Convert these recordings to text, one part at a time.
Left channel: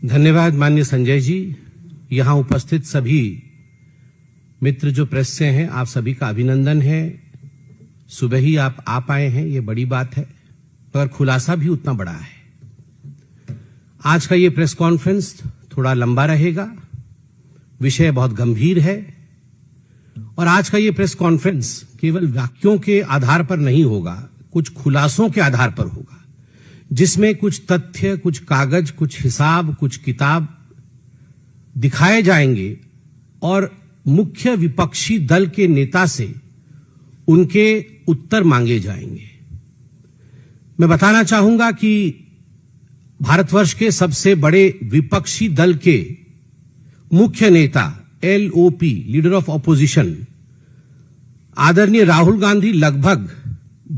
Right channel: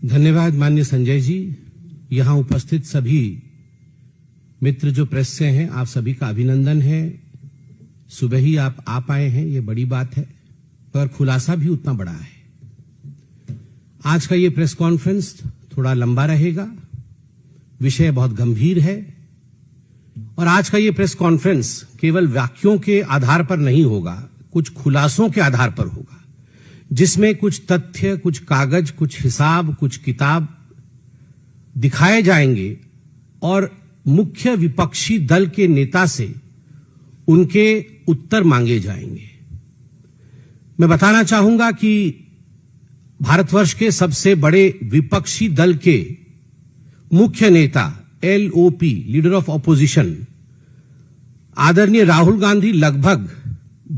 धन्यवाद माननीय संजय जी। यहाँ उपस्थित सभी मित्र जो प्रेस से हैं, आप सभी का अभिनंदन है। सुबह ही आप आ पाए हैं, ये बड़ी बात है, पर खुलासा भी उतना बड़ा है। आज का ये प्रेस कॉन्फ्रेंस थोड़ा लंबा रहेगा, विषय बहुत गंभीर है और आज का ये प्रेस कॉन्फ्रेंस केवल वाक्यों के आधार पर नहीं होगा, कुछ खुलासों के आधार पर होगा, जिसमें कुछ तथ्य, कुछ कागज, कुछ हिसाब, कुछ किताब दिखाए जाएंगे और मुख्य विपक्षी दल के नेता से उनके उत्तर मांगे जाएंगे। मैं बताना चाहूंगा कि भारतवर्ष के सबसे बड़े विपक्षी दल के मुख्य नेता LOP, लीडर ऑफ ऑपोजिशन, आदरणीय राहुल गांधी लगभग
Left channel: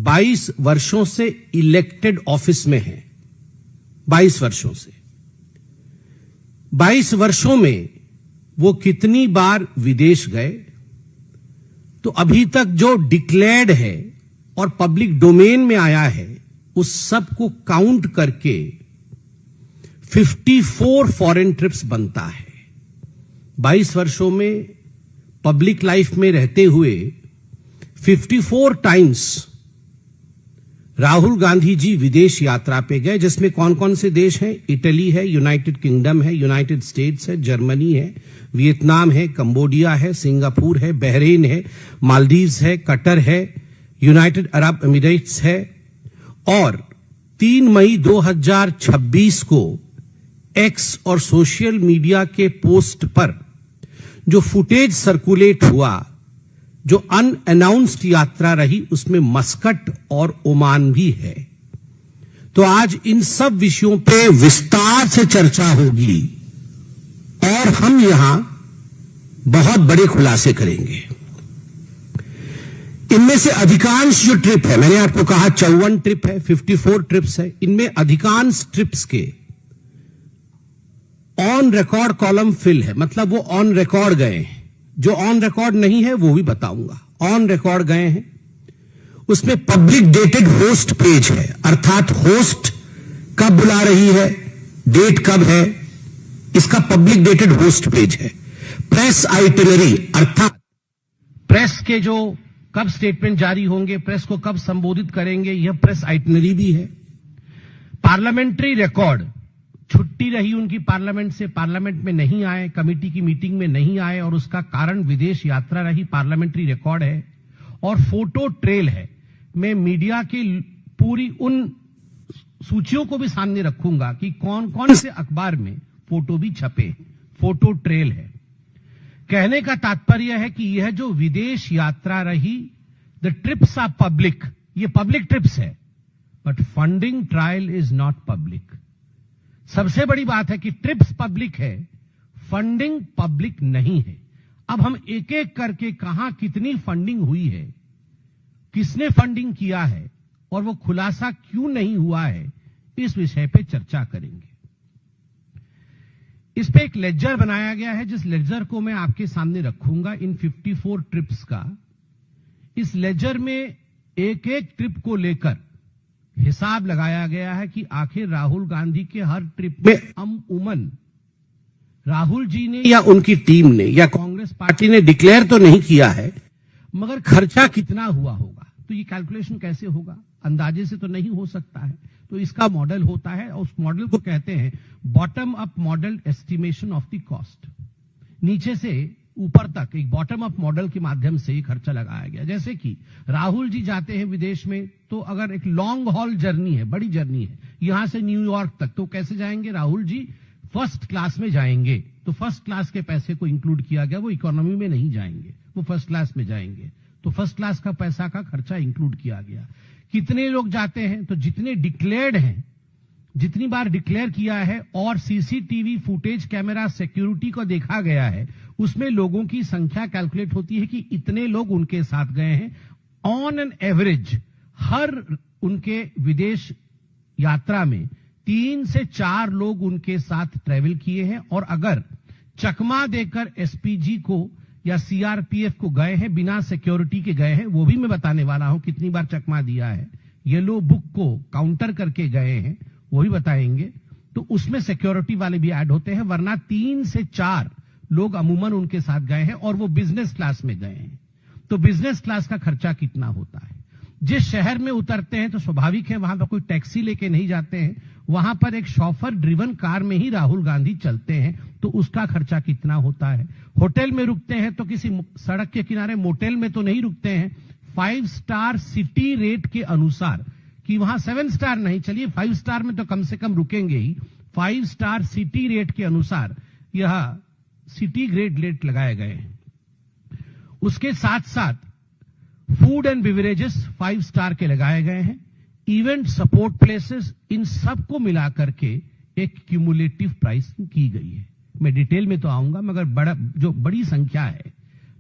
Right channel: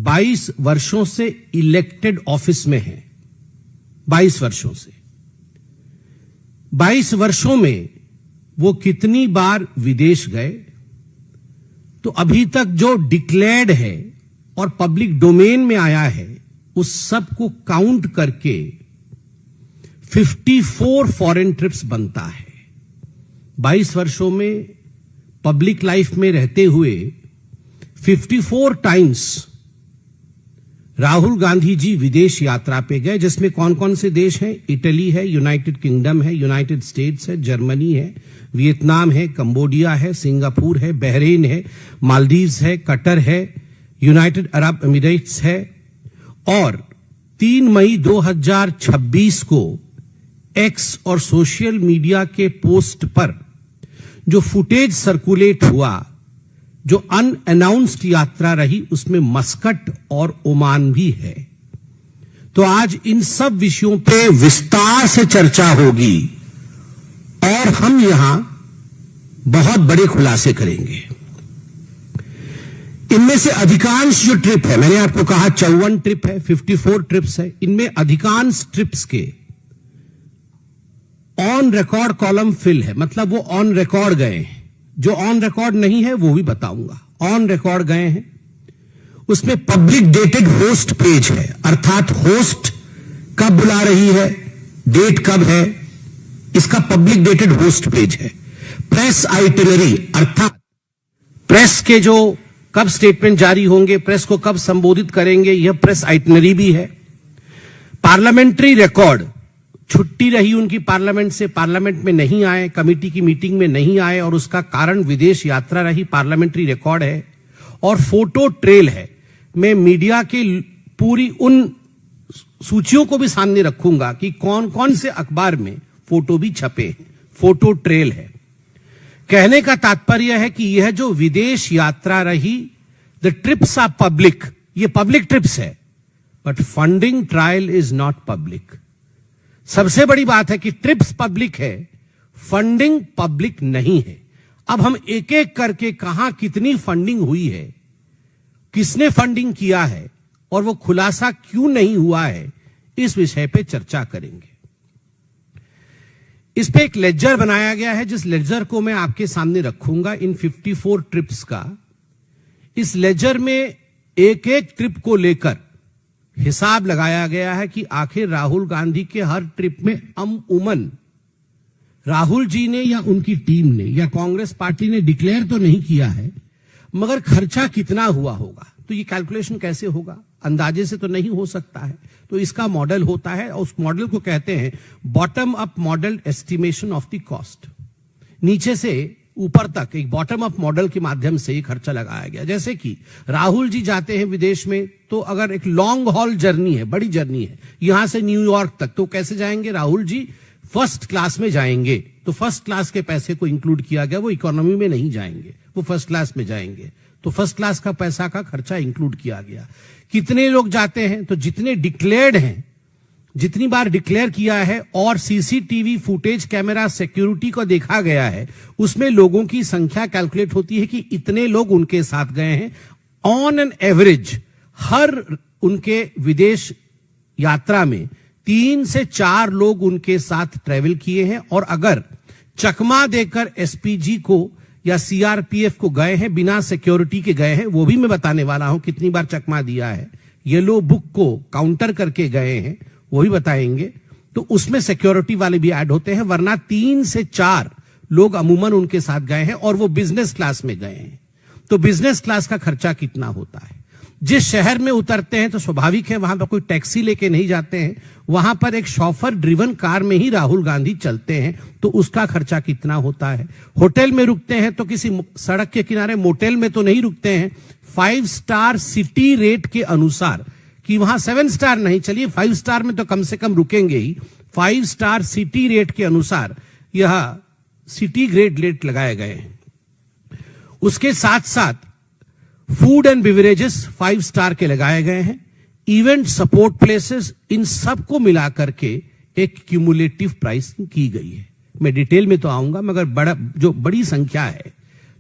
22 वर्षों से इलेक्टेड ऑफिस में हैं। 22 वर्षों से 22 वर्षों में वो कितनी बार विदेश गए, तो अभी तक जो डिक्लेयर्ड है और पब्लिक डोमेन में आया है उस सब को काउंट करके 54 फॉरेन ट्रिप्स बनता है। 22 वर्षों में पब्लिक लाइफ में रहते हुए 54 टाइम्स राहुल गांधी जी विदेश यात्रा पे गए, जिसमें कौन कौन से देश हैं? इटली है, यूनाइटेड किंगडम है, यूनाइटेड स्टेट्स है, जर्मनी है, वियतनाम है, कंबोडिया है, सिंगापुर है, बहरीन है, मालदीव्स है, कतर है, यूनाइटेड अरब एमिरेट्स है। और 3 मई 2026 को एक्स और सोशल मीडिया के पोस्ट पर जो फुटेज सर्कुलेट हुआ, जो अनअनाउंस्ड यात्रा रही, उसमें मस्कट और ओमान भी है। तो आज इन सब विषयों पे विस्तार से चर्चा होगी और हम यहां बहुत बड़े खुलासे करेंगे। इनमें से अधिकांश जो ट्रिप है, मैंने आपको कहा 54 ट्रिप है, 54 ट्रिप्स है, इनमें अधिकांश ट्रिप्स के ऑन रिकॉर्ड कॉलम फिल है, मतलब वो ऑन रिकॉर्ड गए हैं। जो ऑन रिकॉर्ड नहीं है वो भी बताऊंगा। ऑन रिकॉर्ड गए हैं, उसमें पब्लिक डेटेड होस्ट पेज है, अर्थात होस्ट कब बुला रही है, डेट कब है, इसका पब्लिक डेटेड होस्ट पेज है। प्रेस आइटिनरी, अर्थात प्रेस के जो कब स्टेटमेंट जारी होंगे, प्रेस को कब संबोधित करेंगे, यह प्रेस आइटिनरी भी है। पार्लियामेंट्री रिकॉर्ड, छुट्टी रही उनकी पार्लियामेंट से, पार्लियामेंट में नहीं आए, कमेटी की मीटिंग में नहीं आए और उसका कारण विदेश यात्रा रही, पार्लियामेंट्री रिकॉर्ड है। और फोटो ट्रेल है। मैं मीडिया की पूरी उन सूचियों को भी सामने रखूंगा कि कौन कौन से अखबार में फोटो भी छपे हैं। फोटो ट्रेल है। कहने का तात्पर्य है कि यह जो विदेश यात्रा रही, द ट्रिप्स आर पब्लिक, ये पब्लिक ट्रिप्स है, but funding trial is not public. सबसे बड़ी बात है कि ट्रिप्स पब्लिक है, फंडिंग पब्लिक नहीं है। अब हम एक एक करके कहां कितनी फंडिंग हुई है, किसने फंडिंग किया है और वो खुलासा क्यों नहीं हुआ है, इस विषय पे चर्चा करेंगे। इस पे एक लेजर बनाया गया है, जिस लेजर को मैं आपके सामने रखूंगा इन 54 ट्रिप्स का। इस लेजर में एक एक ट्रिप को लेकर हिसाब लगाया गया है कि आखिर राहुल गांधी के हर ट्रिप में अमूमन राहुल जी ने या उनकी टीम ने या कांग्रेस पार्टी ने डिक्लेयर तो नहीं किया है, मगर खर्चा कितना हुआ होगा। तो ये कैलकुलेशन कैसे होगा? अंदाजे से तो नहीं हो सकता है। तो इसका मॉडल होता है और उस मॉडल को कहते हैं bottom up model estimation of the cost. नीचे से ऊपर तक एक बॉटम अप मॉडल के माध्यम से ये खर्चा लगाया गया। जैसे कि राहुल जी जाते हैं विदेश में, तो अगर एक लॉन्ग हॉल जर्नी है, बड़ी जर्नी है, यहां से न्यूयॉर्क तक, तो कैसे जाएंगे? राहुल जी फर्स्ट क्लास में जाएंगे, तो फर्स्ट क्लास के पैसे को इंक्लूड किया गया। वो इकोनॉमी में नहीं जाएंगे, वो फर्स्ट क्लास में जाएंगे, तो फर्स्ट क्लास का पैसा का खर्चा इंक्लूड किया गया। कितने लोग जाते हैं? तो जितने डिक्लेयर्ड हैं, जितनी बार डिक्लेयर किया है और सीसीटीवी फुटेज, कैमरा सिक्योरिटी को देखा गया है, उसमें लोगों की संख्या कैलकुलेट होती है कि इतने लोग उनके साथ गए हैं। ऑन एन एवरेज हर उनके विदेश यात्रा में 3 से 4 लोग उनके साथ ट्रेवल किए हैं। और अगर चकमा देकर एसपीजी को या सीआरपीएफ को गए हैं, बिना सिक्योरिटी के गए हैं, वो भी मैं बताने वाला हूं कितनी बार चकमा दिया है। येलो बुक को काउंटर करके गए हैं, वो भी बताएंगे। तो उसमें सिक्योरिटी वाले भी ऐड होते हैं, वरना 3 से 4 लोग अमूमन उनके साथ गए हैं और वो बिजनेस क्लास में गए हैं। तो बिजनेस क्लास का खर्चा कितना होता है? जिस शहर में उतरते हैं तो स्वाभाविक है वहां पर कोई टैक्सी लेके नहीं जाते हैं, वहां पर एक शॉफर ड्रिवन कार में ही राहुल गांधी चलते हैं, तो उसका खर्चा कितना होता है? होटल में रुकते हैं तो किसी सड़क के किनारे मोटेल में तो नहीं रुकते हैं, 5 स्टार सिटी रेट के अनुसार, कि वहां 7 स्टार नहीं, चलिए 5 स्टार में तो कम से कम रुकेंगे ही, 5 स्टार सिटी रेट के अनुसार यह सिटी ग्रेड रेट लगाए गए हैं। उसके साथ साथ फूड एंड बिवरेजेस 5 स्टार के लगाए गए हैं, इवेंट सपोर्ट प्लेसेस, इन सबको मिलाकर के एक क्यूमुलेटिव प्राइसिंग की गई है। मैं डिटेल में तो आऊंगा, मगर बड़ी संख्या है,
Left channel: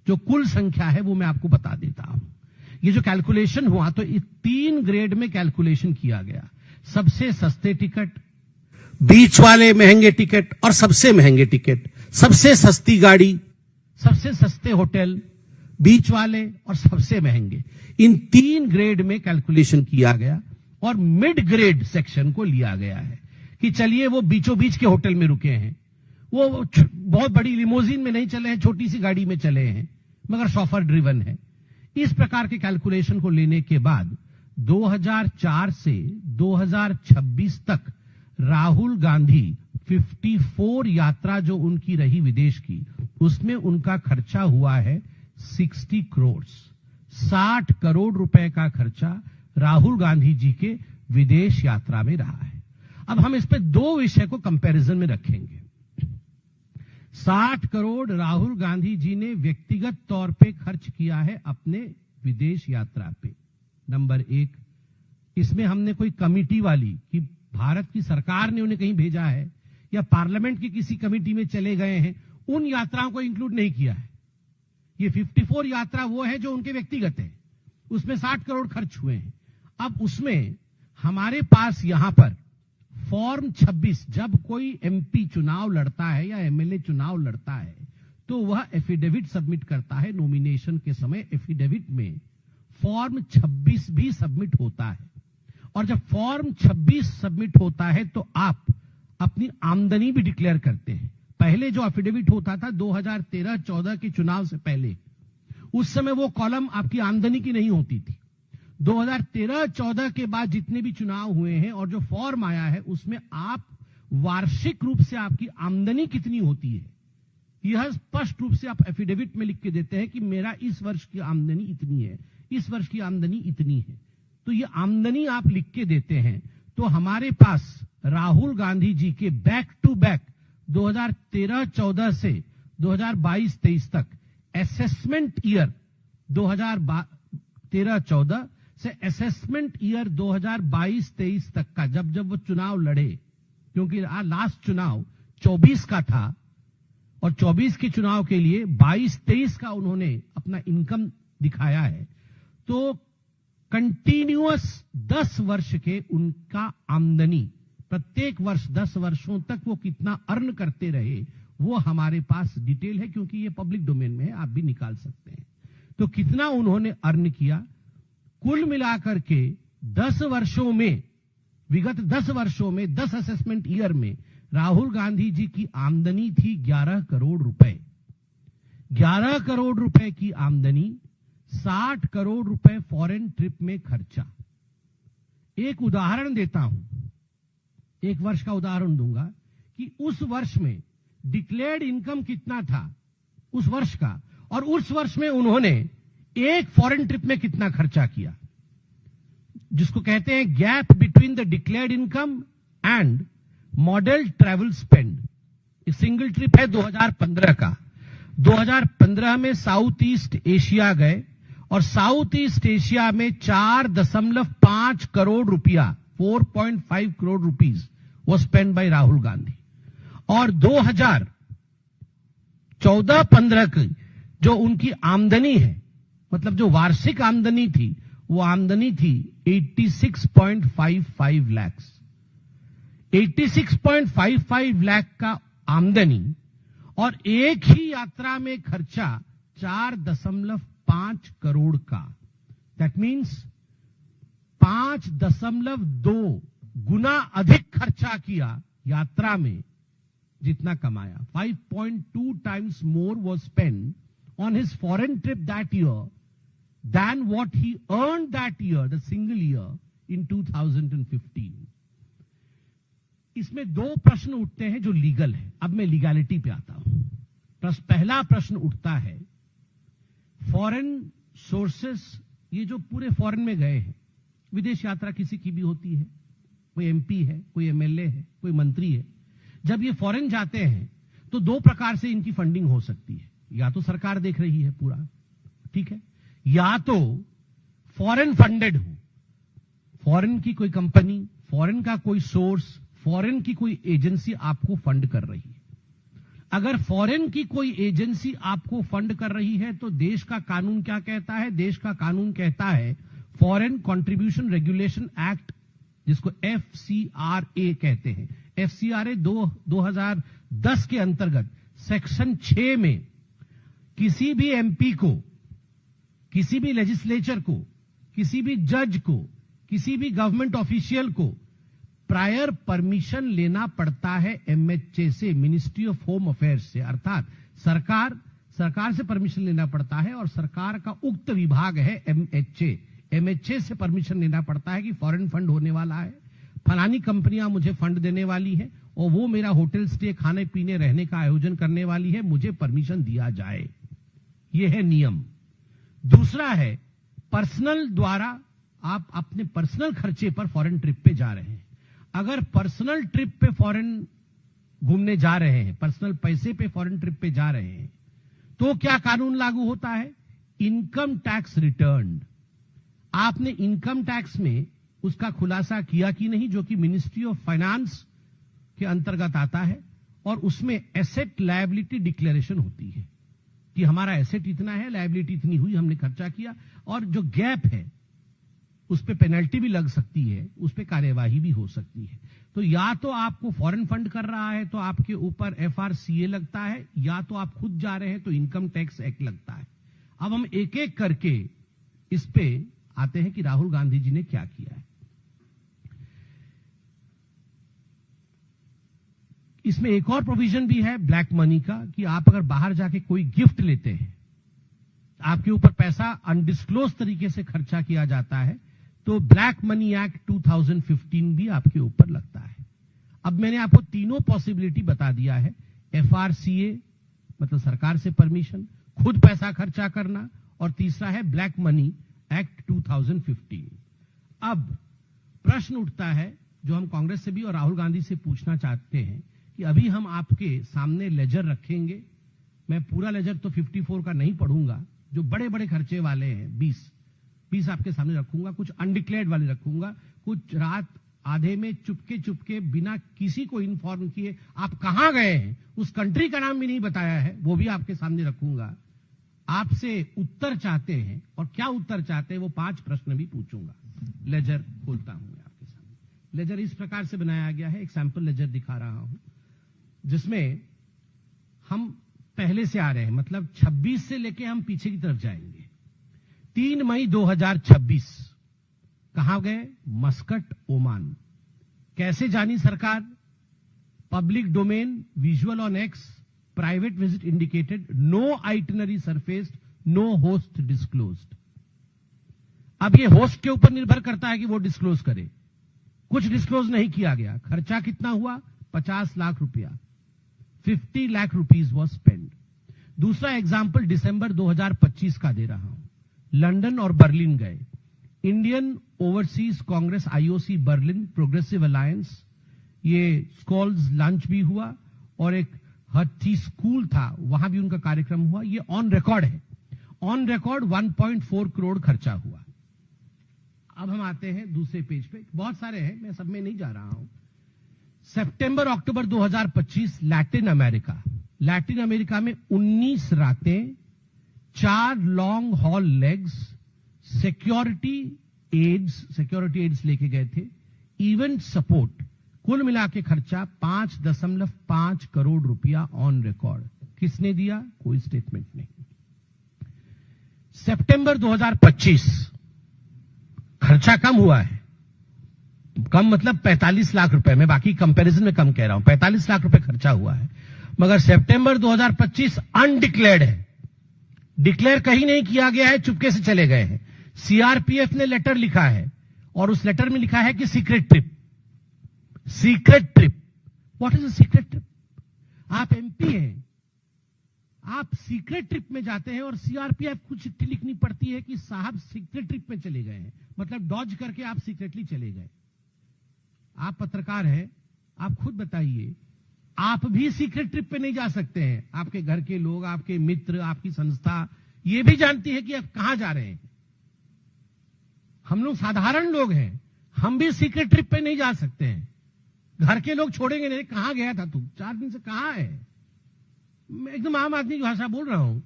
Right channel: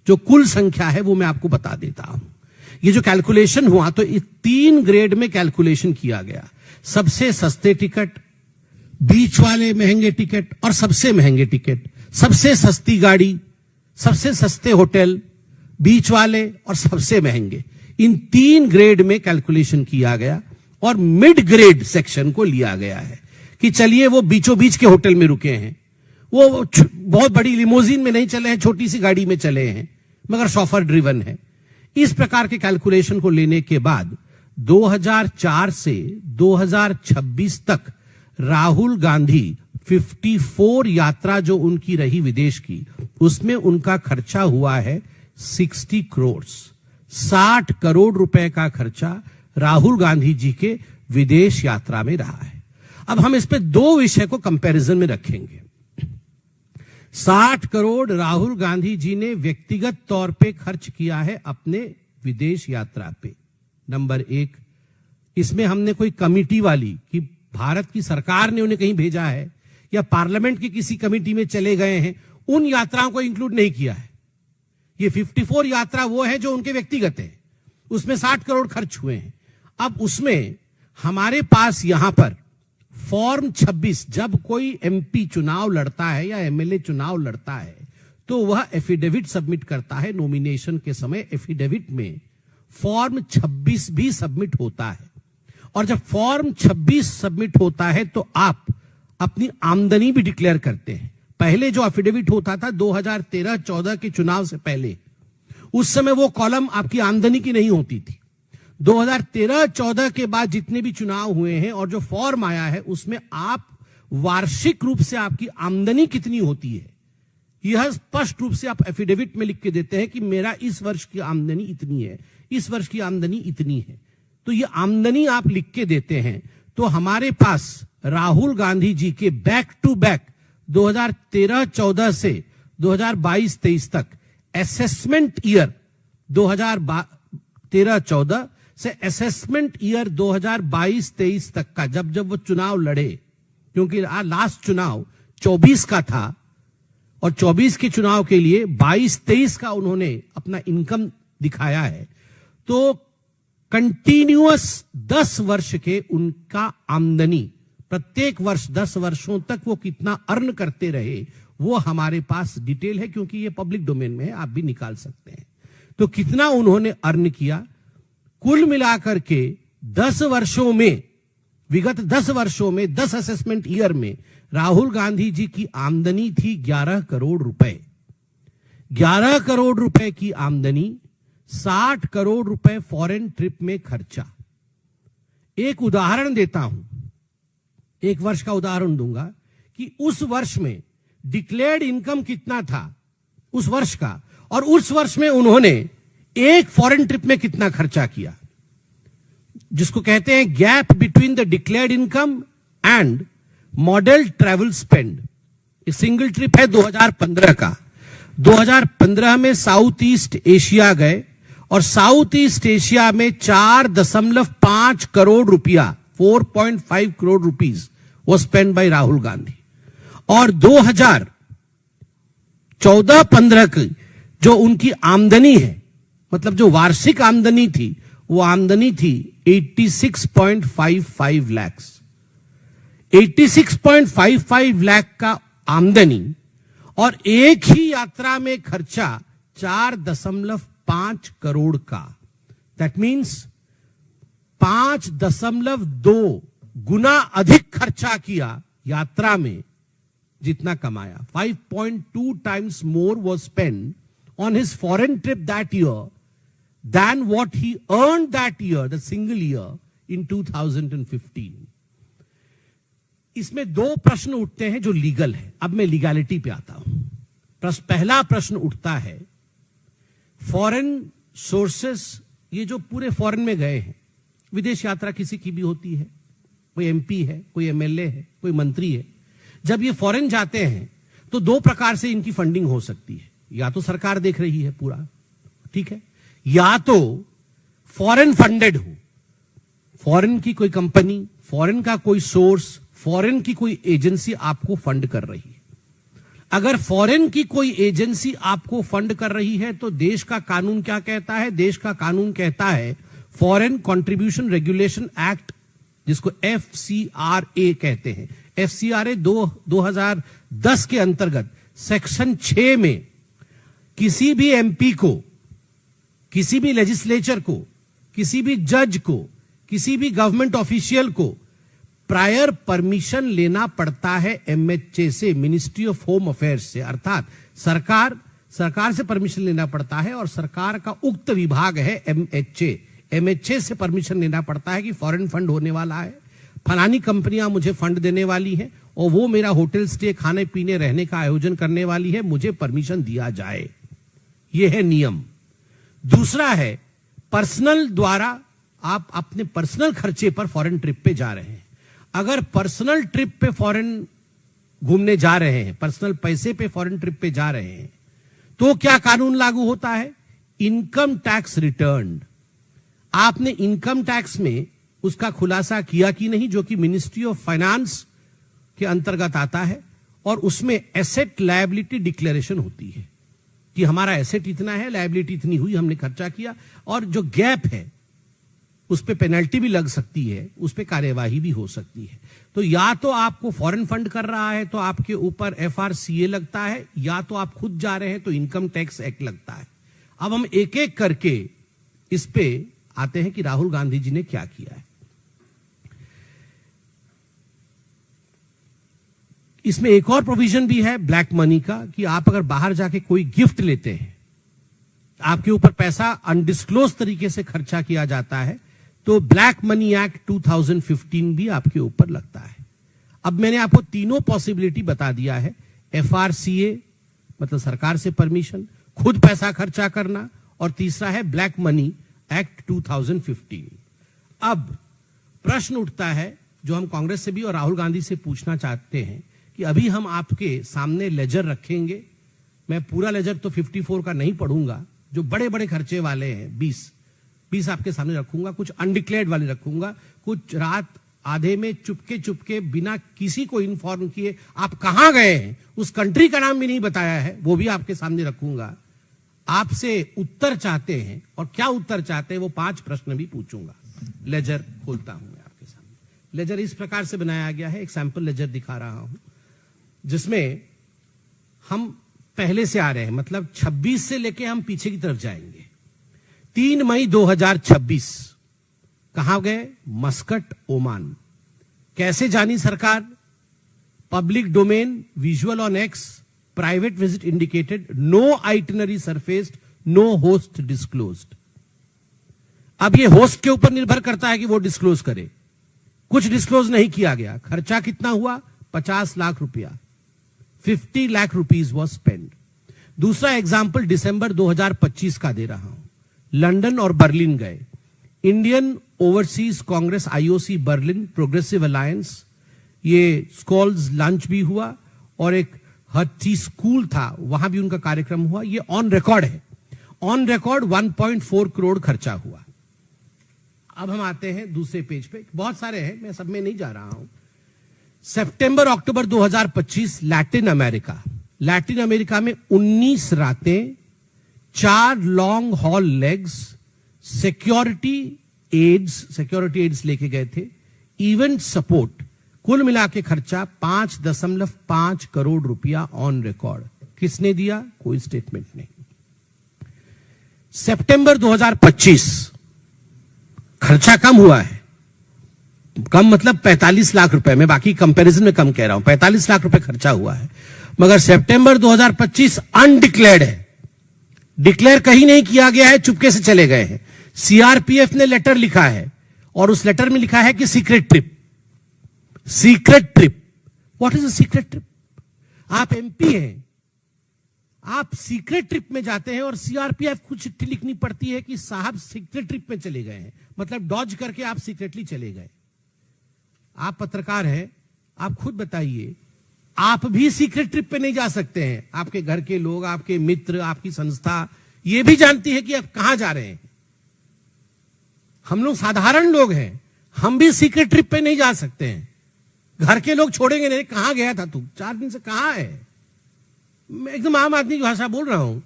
जो कुल संख्या है वो मैं आपको बता देता हूं। ये जो कैलकुलेशन हुआ तो 3 ग्रेड में कैलकुलेशन किया गया, सबसे सस्ते टिकट, बीच वाले महंगे टिकट और सबसे महंगे टिकट, सबसे सस्ती गाड़ी, सबसे सस्ते होटल, बीच वाले और सबसे महंगे, इन 3 ग्रेड में कैलकुलेशन किया गया और मिड ग्रेड सेक्शन को लिया गया है कि चलिए वो बीचों बीच के होटल में रुके हैं, वो बहुत बड़ी लिमोजिन में नहीं चले हैं, छोटी सी गाड़ी में चले हैं, मगर शॉफर ड्रिवन है। इस प्रकार के कैलकुलेशन को लेने के बाद 2004 से 2026 तक राहुल गांधी 54 यात्रा जो उनकी रही विदेश की, उसमें उनका खर्चा हुआ है 60 करोड़, 60 करोड़ रुपए का खर्चा राहुल गांधी जी के विदेश यात्रा में रहा है। अब हम इस पे 2 विषय को कंपैरिजन में रखेंगे। 60 करोड़ राहुल गांधी जी ने व्यक्तिगत तौर पे खर्च किया है अपने विदेश यात्रा पे, नंबर 1। इसमें हमने कोई कमिटी वाली कि भारत की सरकार ने उन्हें कहीं भेजा है या पार्लियामेंट की किसी कमिटी में चले गए हैं, उन यात्राओं को इंक्लूड नहीं किया है। ये 54 यात्रा वो है जो उनके व्यक्तिगत है, उसमें 60 करोड़ खर्च हुए हैं। अब उसमें हमारे पास यहां पर फॉर्म 26, जब कोई एमपी चुनाव लड़ता है या एमएलए चुनाव लड़ता है तो वह एफिडेविट सबमिट करता है। नॉमिनेशन के समय एफिडेविट में फॉर्म 26 भी सबमिट होता है, और जब फॉर्म 26 सबमिट होता है तो आप अपनी आमदनी भी डिक्लेयर करते हैं। पहले जो एफिडेविट होता था 2013-14 के चुनाव से पहले, उस समय वो कॉलम आपकी आमदनी की नहीं होती थी। 2013-14 के बाद जितने भी चुनाव हुए हैं और जो फॉर्म आया है उसमें आप वार्षिक रूप से आपकी आमदनी कितनी होती है यह स्पष्ट रूप से आप एफिडेविट में लिख के देते हैं कि मेरा इस वर्ष की आमदनी इतनी है, इस वर्ष की आमदनी इतनी है। तो ये आमदनी आप लिख के देते हैं। तो हमारे पास राहुल गांधी जी के बैक टू बैक 2013-14 से 2022-23 तक असेसमेंट ईयर 2013-14 से असेसमेंट ईयर 2022-23 तक का, जब वो चुनाव लड़े, क्योंकि लास्ट चुनाव 24 का था और 24 के चुनाव के लिए 22-23 का उन्होंने अपना इनकम दिखाया है, तो कंटिन्यूअस 10 वर्ष के उनका आमदनी, प्रत्येक वर्ष 10 वर्षों तक वो कितना अर्न करते रहे वो हमारे पास डिटेल है, क्योंकि ये पब्लिक डोमेन में है, आप भी निकाल सकते हैं। तो कितना उन्होंने अर्न किया, कुल मिलाकर के 10 वर्षों में, विगत 10 वर्षों में 10 असेसमेंट ईयर में राहुल गांधी जी की आमदनी थी 11 करोड़ रुपए। 11 करोड़ रुपए की आमदनी, 60 करोड़ रुपए फॉरेन ट्रिप में खर्चा। एक उदाहरण देता हूं, एक वर्ष का उदाहरण दूंगा कि उस वर्ष में डिक्लेयर्ड इनकम कितना था उस वर्ष का, और उस वर्ष में उन्होंने एक फॉरेन ट्रिप में कितना खर्चा किया, जिसको कहते हैं gap between the declared income and model travel spend. एक सिंगल ट्रिप है 2015 का। 2015 में साउथ ईस्ट एशिया गए और साउथ ईस्ट एशिया में 4.5 करोड़ रुपया, 4.5 करोड़ रुपीज वो स्पेंड बाय राहुल गांधी। और 2014-15 की जो उनकी आमदनी है, मतलब जो वार्षिक आमदनी थी, वो आमदनी थी 86.55 लाख। 86.55 लाख का आमदनी और एक ही यात्रा में खर्चा 4.5 करोड़ का। दैट मीन्स 5.2 गुना अधिक खर्चा किया यात्रा में जितना कमाया, 5.2 times more was spent on his foreign trip that year than what he earned that year, the single year in 2015. इसमें दो प्रश्न उठते हैं जो लीगल है. अब मैं लीगैलिटी पे आता हूं. पहला प्रश्न उठता है, फॉरेन सोर्सेस, ये जो पूरे फॉरेन में गए हैं, विदेश यात्रा किसी की भी होती है, कोई एमपी है, कोई एमएलए है, कोई मंत्री है, जब ये फॉरेन जाते हैं तो दो प्रकार से इनकी फंडिंग हो सकती है. या तो सरकार देख रही है पूरा, ठीक है, या तो फॉरेन फंडेड हो, फॉरेन की कोई कंपनी, फॉरेन का कोई सोर्स, फॉरेन की कोई एजेंसी आपको फंड कर रही है. अगर फॉरेन की कोई एजेंसी आपको फंड कर रही है तो देश का कानून क्या कहता है? देश का कानून कहता है फॉरेन कंट्रीब्यूशन रेगुलेशन एक्ट, जिसको FCRA कहते हैं. FCRA 2010 के अंतर्गत सेक्शन 6 में किसी भी एमपी को, किसी भी लेजिस्लेचर को, किसी भी जज को, किसी भी गवर्नमेंट ऑफिशियल को प्रायर परमिशन लेना पड़ता है MHA से, मिनिस्ट्री ऑफ होम अफेयर्स से. अर्थात सरकार से परमिशन लेना पड़ता है और सरकार का उक्त विभाग है MHA से परमिशन लेना पड़ता है कि फॉरेन फंड होने वाला है, फलानी कंपनियां मुझे फंड देने वाली है और वो मेरा होटल स्टे, खाने पीने रहने का आयोजन करने वाली है, मुझे परमिशन दिया जाए. यह है नियम. दूसरा है पर्सनल द्वारा, आप अपने पर्सनल खर्चे पर फॉरेन ट्रिप पे जा रहे हैं. अगर पर्सनल ट्रिप पे फॉरेन घूमने जा रहे हैं, पर्सनल पैसे पे फॉरेन ट्रिप पे जा रहे हैं, तो क्या कानून लागू होता है? Income tax return. आपने इनकम टैक्स में उसका खुलासा किया कि नहीं, जो कि मिनिस्ट्री ऑफ फाइनेंस के अंतर्गत आता है, और उसमें एसेट लायबिलिटी डिक्लेरेशन होती है कि हमारा एसेट इतना है, लायबिलिटी इतनी हुई, हमने खर्चा किया, और जो गैप है उस पे पेनल्टी भी लग सकती है, उस पे कार्यवाही भी हो सकती है. तो या तो आपको फॉरेन फंड कर रहा है तो आपके ऊपर FRCA लगता है, या तो आप खुद जा रहे हैं तो इनकम टैक्स एक्ट लगता है. अब हम एक एक करके इस पे आते हैं कि राहुल गांधी जी ने क्या किया है. इसमें एक और प्रोविजन भी है ब्लैक मनी का, कि आप अगर बाहर जाके कोई गिफ्ट लेते हैं, आपके ऊपर पैसा अनडिस्क्लोज तरीके से खर्चा किया जाता है, तो ब्लैक मनी एक्ट 2015 भी आपके ऊपर लगता है. अब मैंने आपको तीनों पॉसिबिलिटी बता दिया है. FRCA मतलब सरकार से परमिशन, खुद पैसा खर्चा करना, और तीसरा है ब्लैक मनी एक्ट 2015. अब प्रश्न उठता है जो हम कांग्रेस से भी और राहुल गांधी से पूछना चाहते हैं कि अभी हम आपके सामने लेजर रखेंगे. मैं पूरा लेजर तो 54 का नहीं पढ़ूंगा, जो बड़े बड़े खर्चे वाले हैं 20 आपके सामने रखूंगा, कुछ अनडिक्लेयर्ड वाले रखूंगा, कुछ रात आधे में चुपके बिना किसी को इन्फॉर्म किए आप कहां गए हैं, उस कंट्री का नाम भी नहीं बताया है, वो भी आपके सामने रखूंगा. आपसे उत्तर चाहते हैं, और क्या उत्तर चाहते हैं वो 5 प्रश्न भी पूछूंगा. लेजर खोलता हूं मैं आपके सामने. लेजर इस प्रकार से बनाया गया है, एक सैंपल लेजर दिखा रहा हूं, जिसमें हम पहले से आ रहे हैं, मतलब 26 से लेके हम पीछे की तरफ जाएंगे. 3 मई 2026 कहां गए? Muscat, Oman. कैसे जानी सरकार? Public domain, visual on X, private visit indicated, no itinerary surfaced, no host disclosed. अब ये होस्ट के ऊपर निर्भर करता है कि वो डिस्क्लोज करे. कुछ डिस्क्लोज नहीं किया गया. खर्चा कितना हुआ? 50 लाख रुपया. 50 लाख रुपीज वॉज स्पेंड. दूसरा एग्जाम्पल दिसंबर 2025 का दे रहा हूं. लंदन और बर्लिन गए. Indian overseas Congress IOC Berlin progressive alliance, ये स्कॉल्स लंच भी हुआ, और एक हट्टी स्कूल था, वहां भी उनका कार्यक्रम हुआ. ये ऑन रिकॉर्ड है. ऑन रिकॉर्ड 1.4 करोड़ खर्चा हुआ. अब हम आते हैं दूसरे पेज पे. बहुत सारे हैं, मैं सब में नहीं जा रहा हूं. सितंबर अक्टूबर 2025 लैटिन अमेरिका में 19 रातें, 4 long haul legs, security aides लेके गए थे, इवेंट सपोर्ट, कुल मिला के खर्चा 5.5 करोड़ रुपया ऑन रिकॉर्ड. किसने दिया? कोई स्टेटमेंट नहीं. सितंबर 2025 खर्चा कम हुआ है, कम मतलब 45 लाख रुपए, मैं बाकी कंपैरिजन में कम कह रहा हूं, 45 लाख रुपए खर्चा हुआ है। मगर सितंबर 2025 अनडिक्लेयर्ड है, डिक्लेयर कहीं नहीं किया गया है, चुपके से चले गए हैं। सीआरपीएफ ने लेटर लिखा है और उस लेटर में लिखा है कि secret trip. Secret trip, what is a secret trip? आप एमपी हैं, आप सीक्रेट ट्रिप में जाते हैं और सीआरपीएफ को चिट्ठी लिखनी पड़ती है कि साहब सीक्रेट ट्रिप में चले गए हैं, मतलब डॉज करके आप सीक्रेटली चले गए। आप पत्रकार हैं, आप खुद बताइए, आप भी सीक्रेट ट्रिप पे नहीं जा सकते हैं? आपके घर के लोग, आपके मित्र, आपकी संस्था ये भी जानती है कि आप कहां जा रहे हैं। हम लोग साधारण लोग हैं, हम भी सीक्रेट ट्रिप पे नहीं जा सकते हैं। घर के लोग छोड़ेंगे नहीं, कहां गया था तू, 4 दिन से कहां है? मैं एकदम आम आदमी की भाषा बोल रहा हूं,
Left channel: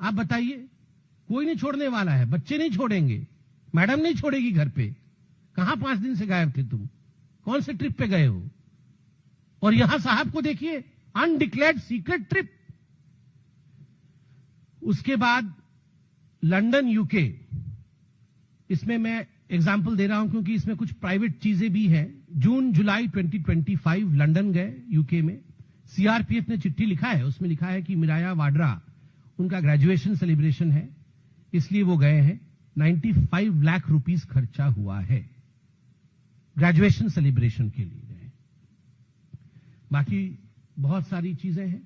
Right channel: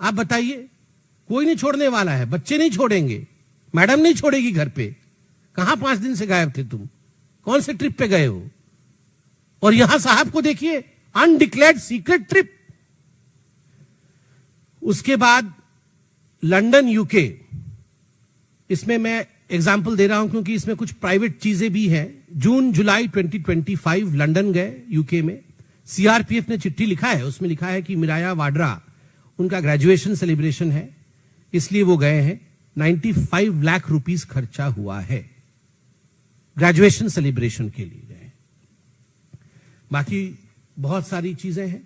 आप बताइए। कोई नहीं छोड़ने वाला है, बच्चे नहीं छोड़ेंगे, मैडम नहीं छोड़ेगी घर पे। कहां 5 दिन से गायब थे तुम, कौन से ट्रिप पे गए हो? और यहां साहब को देखिए, अनडिक्लेयर्ड सीक्रेट ट्रिप। उसके बाद लंदन यूके, इसमें मैं एग्जाम्पल दे रहा हूं क्योंकि इसमें कुछ प्राइवेट चीजें भी हैं। जून जुलाई 2025 लंदन गए यूके में। सीआरपीएफ ने चिट्ठी लिखा है, उसमें लिखा है कि मिराया वाड्रा, उनका ग्रेजुएशन सेलिब्रेशन है, इसलिए वो गए हैं। 95 लाख रुपीस खर्चा हुआ है, ग्रेजुएशन सेलिब्रेशन के लिए गए। बाकी बहुत सारी चीजें हैं।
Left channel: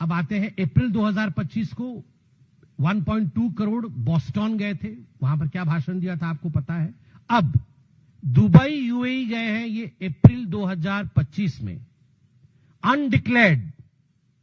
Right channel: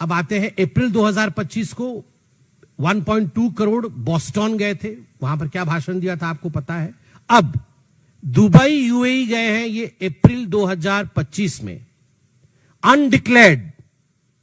अब आते हैं अप्रैल 2025 को 1.2 करोड़ बॉस्टन गए थे, वहां पर क्या भाषण दिया था आपको पता है। अब दुबई यूएई गए हैं, ये अप्रैल 2025 में। अनडिक्लेयर्ड,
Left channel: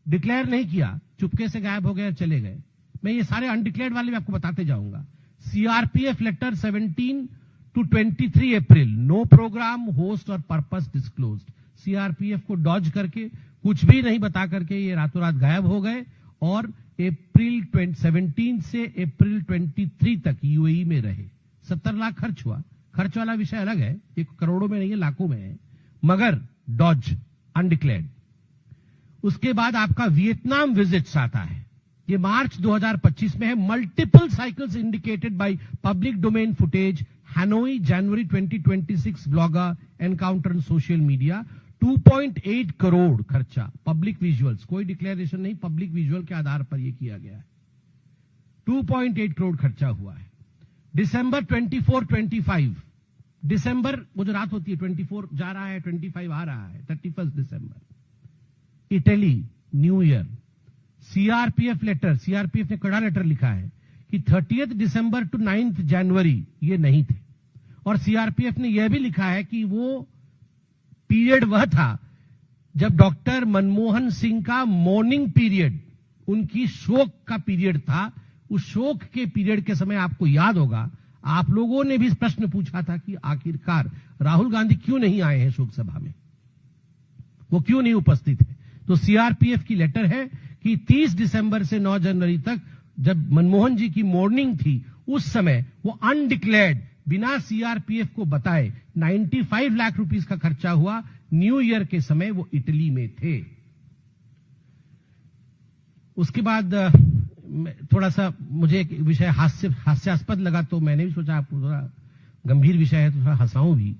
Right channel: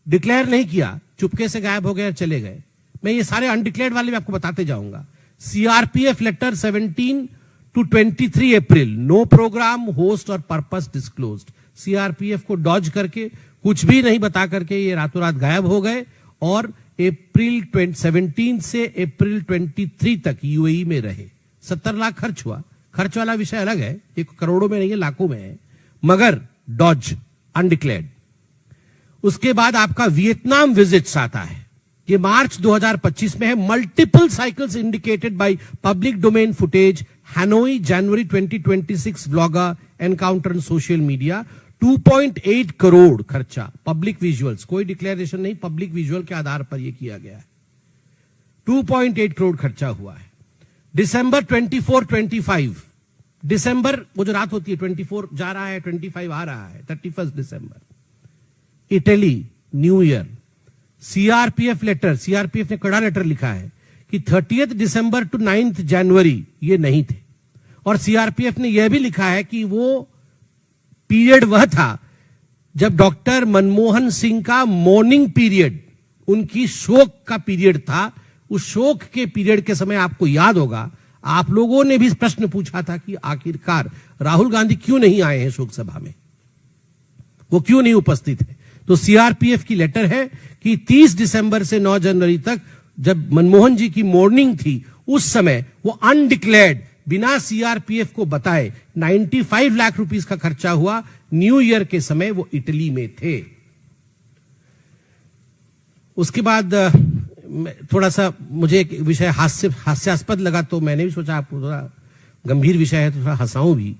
डिक्लेयर नहीं किया, चुपके से गायब हो गए और चले गए। मैं ये सारे अनडिक्लेयर्ड वाले भी आपको बताते जाऊंगा। CRPF letter 17 to 23 April, no programme, host और पर्पस डिस्क्लोज्ड। सीआरपीएफ को डॉज करके, कुछ भी नहीं बता करके ये रातों रात गायब हो गए और अप्रैल 17 से अप्रैल 23 तक यूएई में रहे। 70 लाख खर्च हुआ। खर्च वाला विषय अलग है, एक करोड़ों में नहीं है, लाखों में है, मगर डॉज, अनडिक्लेयर्ड। उसके बाद आपका वियतनाम विजिट्स आता है, ये मार्च 2025 में है। Multiple cycles indicated by public domain footage, Hanoi January 2026 vlogger encounter on social media. 2.8 crore खर्चा, पब्लिक विजुअल्स, कोई डिक्लेरेशन नहीं, पब्लिक विजुअल के आधार पर यह किया गया है। 2.8 करोड़ खर्चा हुआ है। दिसंबर 24-25, दिसंबर वो जो रात होती है, 24 जा रहा है, 25 आ रहा है, 31 दिसंबर, Italy new year. CRPF letter, CRPF ने कड़ा लेटर लिखा है कि 30 दिसंबर टू 9 जनवरी ये नहीं थे। और सीआरपीएफ ने यह भी लिखा है कि वो पीरियड वह था जब डॉक्टर मनमोहन सिंह का मॉर्निंग पीरियड, उनकी शोक का पीरियड था। उस शोक के पीरियड के समय आपको याद होगा, आप लोगों ने भी प्रश्न पूछा था कि आखिरकार राहुल गांधी क्यों नहीं आए हैं शोक सभा में, वो क्यों नहीं उपस्थित है। तो सीआरपीएफ की लेटर है कि 30 दिसंबर से 9 जनवरी तक जब मनमोहन जी की मॉर्निंग थी, उस समय वो अनडिक्लेयर्ड, बिना सीआरपीएफ को बताए 95 लाख रुपीस का खर्चा हुआ। न्यू ईयर के समय वो इटली में थे। उसके बाद थोड़ा सा मुझे एक विषय हास्यास्पद लगा, तो मैंने भी सोचा आपको थोड़ा गंभीर विषय है तो थोड़ा हंसाऊं भी।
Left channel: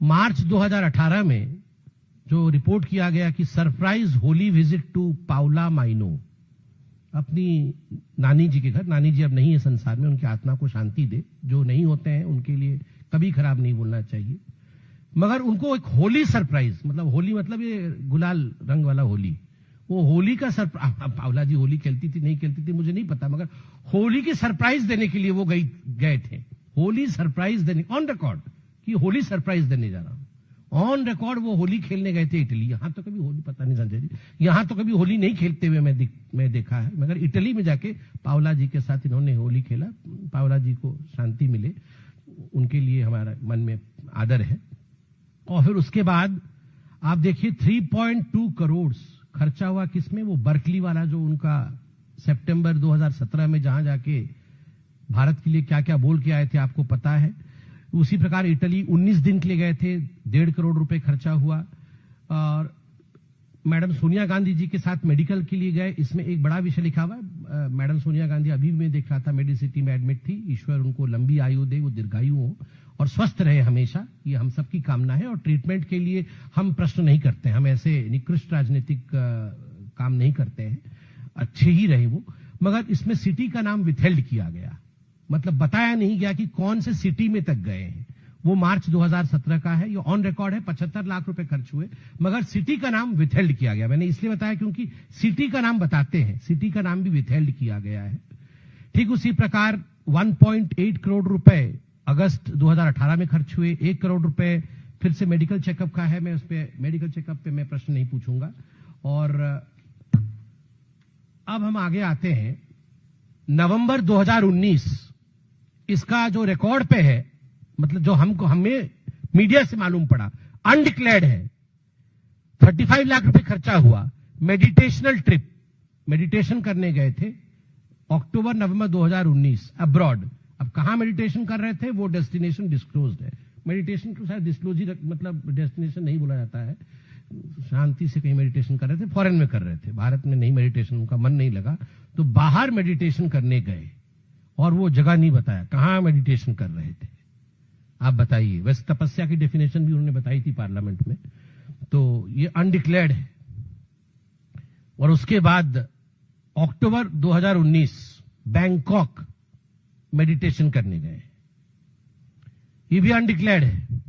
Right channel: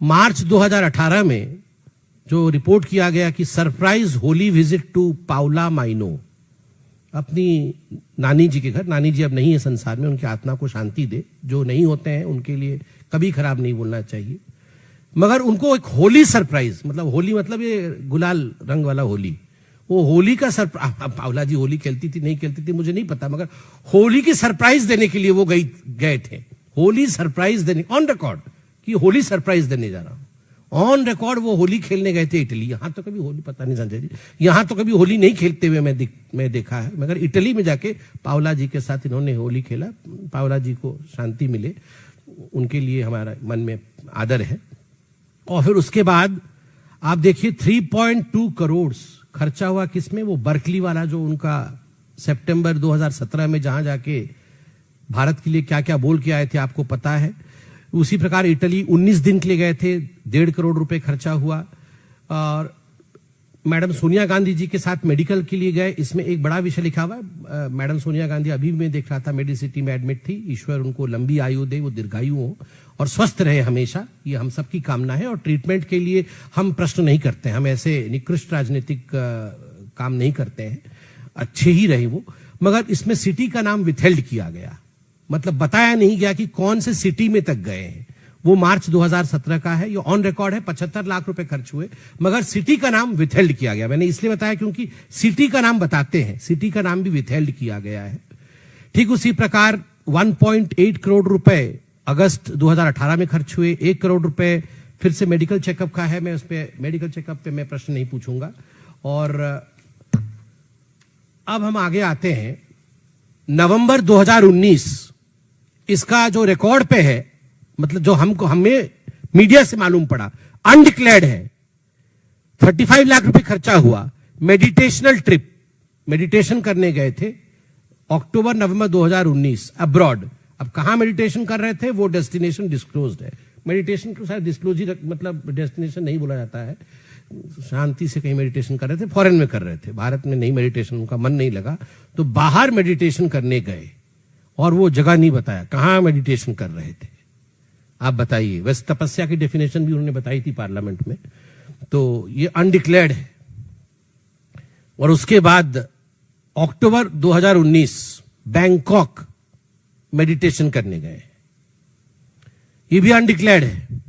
मार्च 2018 में जो रिपोर्ट किया गया कि surprise Holi visit to Paola Maino, अपनी नानी जी के घर, नानी जी अब नहीं है संसार में, उनकी आत्मा को शांति दे, जो नहीं होते हैं उनके लिए कभी खराब नहीं बोलना चाहिए, मगर उनको एक होली सरप्राइज, मतलब होली मतलब ये गुलाल रंग वाला होली, वो होली का सरप्राइज, पाउला जी होली खेलती थी नहीं खेलती थी मुझे नहीं पता, मगर होली की सरप्राइज देने के लिए वो गए थे। होली सरप्राइज देने, ऑन रिकॉर्ड कि होली सरप्राइज देने जा रहा हूं, ऑन रिकॉर्ड वो होली खेलने गए थे इटली। यहां तो कभी होली, पता नहीं संजय जी, यहां तो कभी होली नहीं खेलते हुए मैं देखा है, मगर इटली में जाके पाउला जी के साथ इन्होंने होली खेला। पाउला जी को शांति मिले, उनके लिए हमारा मन में आदर है। और फिर उसके बाद आप देखिए 3.2 करोड़ खर्चा हुआ किसमें, वो बर्कली वाला जो उनका सितंबर 2017 में जहां जाके भारत के लिए क्या क्या बोल के आए थे आपको पता है। उसी प्रकार इटली 19 दिन के लिए गए थे, 1.5 करोड़ रुपए खर्चा हुआ। और मैडम सोनिया गांधी जी के साथ मेडिकल के लिए गए, इसमें एक बड़ा विषय लिखा हुआ। मैडम सोनिया गांधी अभी मैं देख रहा था मेडिसिटी में एडमिट थी, ईश्वर उनको लंबी आयु दे, वो दीर्घायु हो। और स्वस्थ रहे हमेशा, ये हम सबकी कामना है। और ट्रीटमेंट के लिए हम प्रश्न नहीं करते हैं, हम ऐसे निकृष्ट राजनीतिक काम नहीं करते हैं, अच्छे ही रहे वो। मगर इसमें सिटी का नाम विथहेल्ड किया गया, मतलब बताया नहीं गया कि कौन से सिटी में तक गए हैं। वो मार्च 2017 का है, ये ऑन रिकॉर्ड है, 75 लाख रुपए खर्च हुए, मगर सिटी का नाम विथहेल्ड किया गया। मैंने इसलिए बताया क्योंकि सिटी का नाम बताते हैं, सिटी का नाम भी विथहेल्ड किया गया है। ठीक उसी प्रकार 1.8 करोड़ रुपए अगस्त 2018 में खर्च हुए, 1 करोड़ रुपए फिर से मेडिकल चेकअप का है, मैं उस पे मेडिकल चेकअप पे मैं प्रश्न नहीं पूछूंगा। और अब हम आगे आते हैं नवंबर 2019, इसका जो रिकॉर्ड पे है, मतलब जो हमें मीडिया से मालूम पड़ा, अनडिक्लेयर्ड है। 35 लाख रुपए खर्चा हुआ, मेडिटेशनल ट्रिप, मेडिटेशन करने गए थे अक्टूबर नवंबर 2019 अब्रॉड। अब कहां मेडिटेशन कर रहे थे वो डेस्टिनेशन डिस्क्लोज्ड है। मेडिटेशन को शायद डिस्क्लोज ही, मतलब डेस्टिनेशन नहीं बोला जाता है, शांति से कहीं मेडिटेशन कर रहे थे, फॉरेन में कर रहे थे, भारत में नहीं मेडिटेशन, उनका मन नहीं लगा तो बाहर मेडिटेशन करने गए, और वो जगह नहीं बताया कहां मेडिटेशन कर रहे थे। आप बताइए, वैसे तपस्या की डेफिनेशन भी उन्होंने बताई थी पार्लियामेंट में, तो ये अनडिक्लेयर्ड है। और उसके बाद अक्टूबर 2019 बैंकॉक मेडिटेशन करने गए, ये भी अनडिक्लेयर्ड है।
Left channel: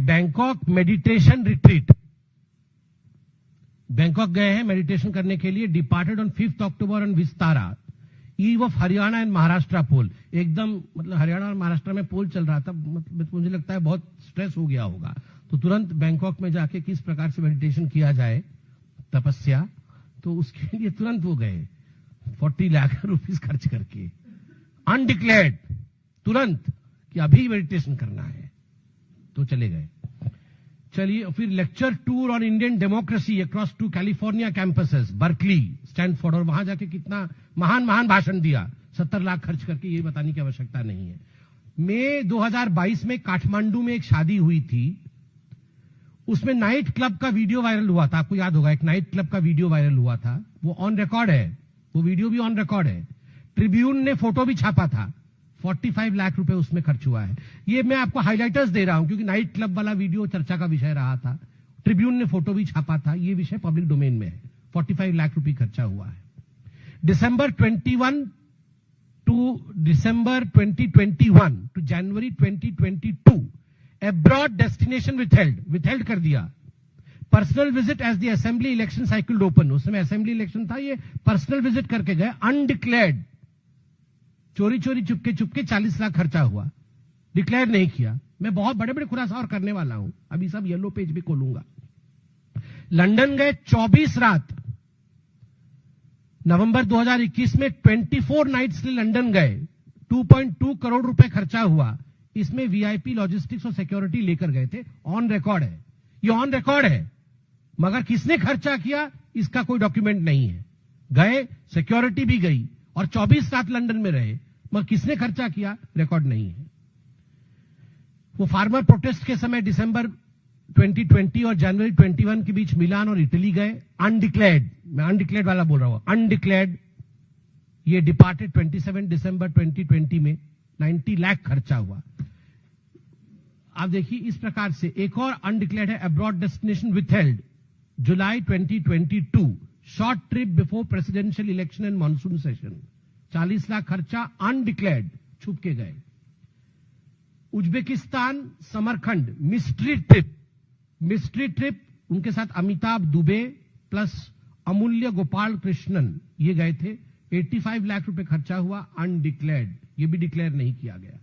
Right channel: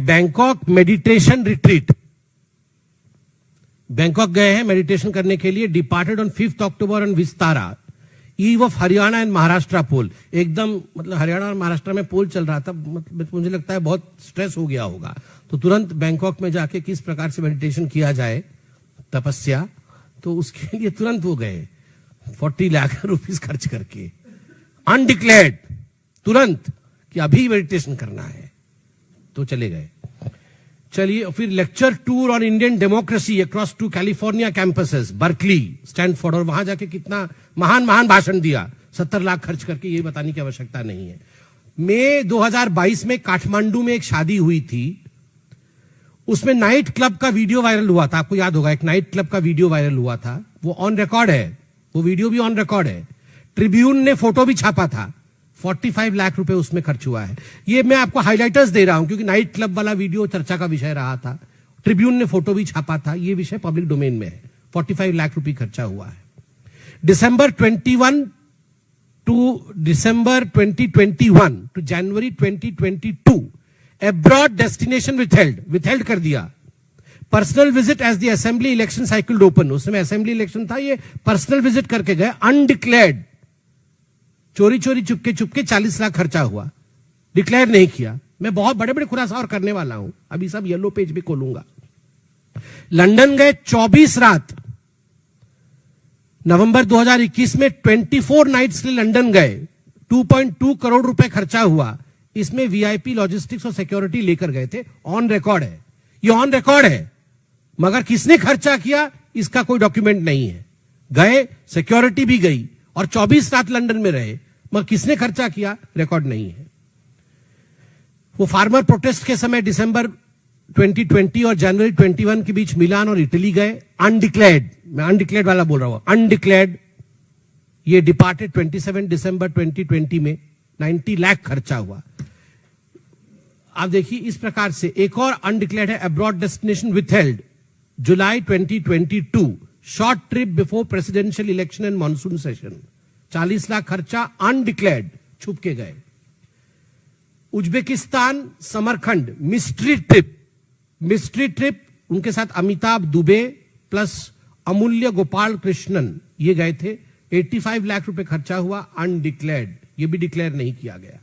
बैंकॉक मेडिटेशन रिट्रीट, बैंकॉक गए हैं मेडिटेशन करने के लिए, departed on 5 October on Vistara eve of Haryana and Maharashtra poll. एकदम मतलब हरियाणा और महाराष्ट्र में पोल चल रहा था, मतलब मुझे लगता है बहुत स्ट्रेस हो गया होगा, तो तुरंत बैंकॉक में जाके किस प्रकार से मेडिटेशन किया जाए, तपस्या, तो उसके लिए तुरंत वो गए 40 लाख रुपीस खर्च करके, अनडिक्लेयर्ड, तुरंत कि अभी मेडिटेशन करना है, तो चले गए। चलिए, फिर lecture tour on Indian democracy across 2 California campuses, Berkeley, Stanford, और वहां जाके कितना महान महान भाषण दिया 70 लाख खर्च करके, ये बताने की आवश्यकता नहीं है। मई 2022 में काठमांडू में एक शादी हुई थी, उसमें नाइट क्लब का वीडियो वायरल हुआ था, आपको याद होगा, एक नाइट क्लब का वीडियो वायरल हुआ था, वो ऑन रिकॉर्ड है, वो वीडियो भी ऑन रिकॉर्ड है। ट्रिब्यून ने फोटो भी छापा था, 45 लाख रुपए उसमें खर्च हुआ है। ये मैं आपको हाइलाइटर्स दे रहा हूं क्योंकि नाइट क्लब वाला वीडियो चर्चा का विषय रहा था, ट्रिब्यून ने फोटो भी छापा था, ये विषय पब्लिक डोमेन में है। 45 लाख रुपए खर्चा हुआ है। December 21 to December 2021 to January 2022 abroad destination withheld कर दिया। Personal visit as the assembly election cycle open, उस समय असेंबली इलेक्शन था, ये पर्सनल विजिट करके गए, अनडिक्लेयर्ड, चोरी चोरी चुपके चुपके 40 लाख खर्चा हुआ, डिक्लेयर नहीं किया। मैं बहुत बड़े बड़े खुलासा और करने वाला हूं, अभी सब येलो पेज भी खोलूंगा। लंदन गए 24 रात, नवंबर 2021 में 24 नाइट्स के लिए लंदन गए, 2.2 करोड़ रुपए खर्चा हुआ। इसमें वीआईपी लॉजिस्टिक्स और सिक्योरिटी लेकर गए थे, ऑन रिकॉर्ड है, ये ऑन रिकॉर्ड है, मगर किसने खर्चा किया इसका कोई डॉक्यूमेंट नहीं है। गए, सिक्योरिटी भी गई और 24 रात लंदन में रहे, मगर किसने खर्चा किया रिकॉर्ड नहीं है। वो फार्मर प्रोटेस्ट के समय दिसंबर 2020 और जनवरी 21 के बीच मिलान और इटली गए, अनडिक्लेयर्ड, मैं अनडिक्लेयर्ड वाला बोल रहा हूं, अनडिक्लेयर्ड। ये डिपार्टेड 27 दिसंबर 2020 में 90 लाख खर्चा हुआ। आप देखिए, इस प्रकार से एक और अनडिक्लेयर्ड है, abroad destination withheld, July 2022, short trip before presidential election and monsoon session, 40 lakh खर्चा, अनडिक्लेयर्ड, छुप के गए। उज्बेकिस्तान समरखंड मिस्ट्री ट्रिप, उनके साथ अमिताभ दुबे प्लस अमूल्य गोपाल कृष्णन, ये गए थे, 85 लाख रुपए खर्चा हुआ, अनडिक्लेयर्ड, ये भी डिक्लेयर नहीं किया गया।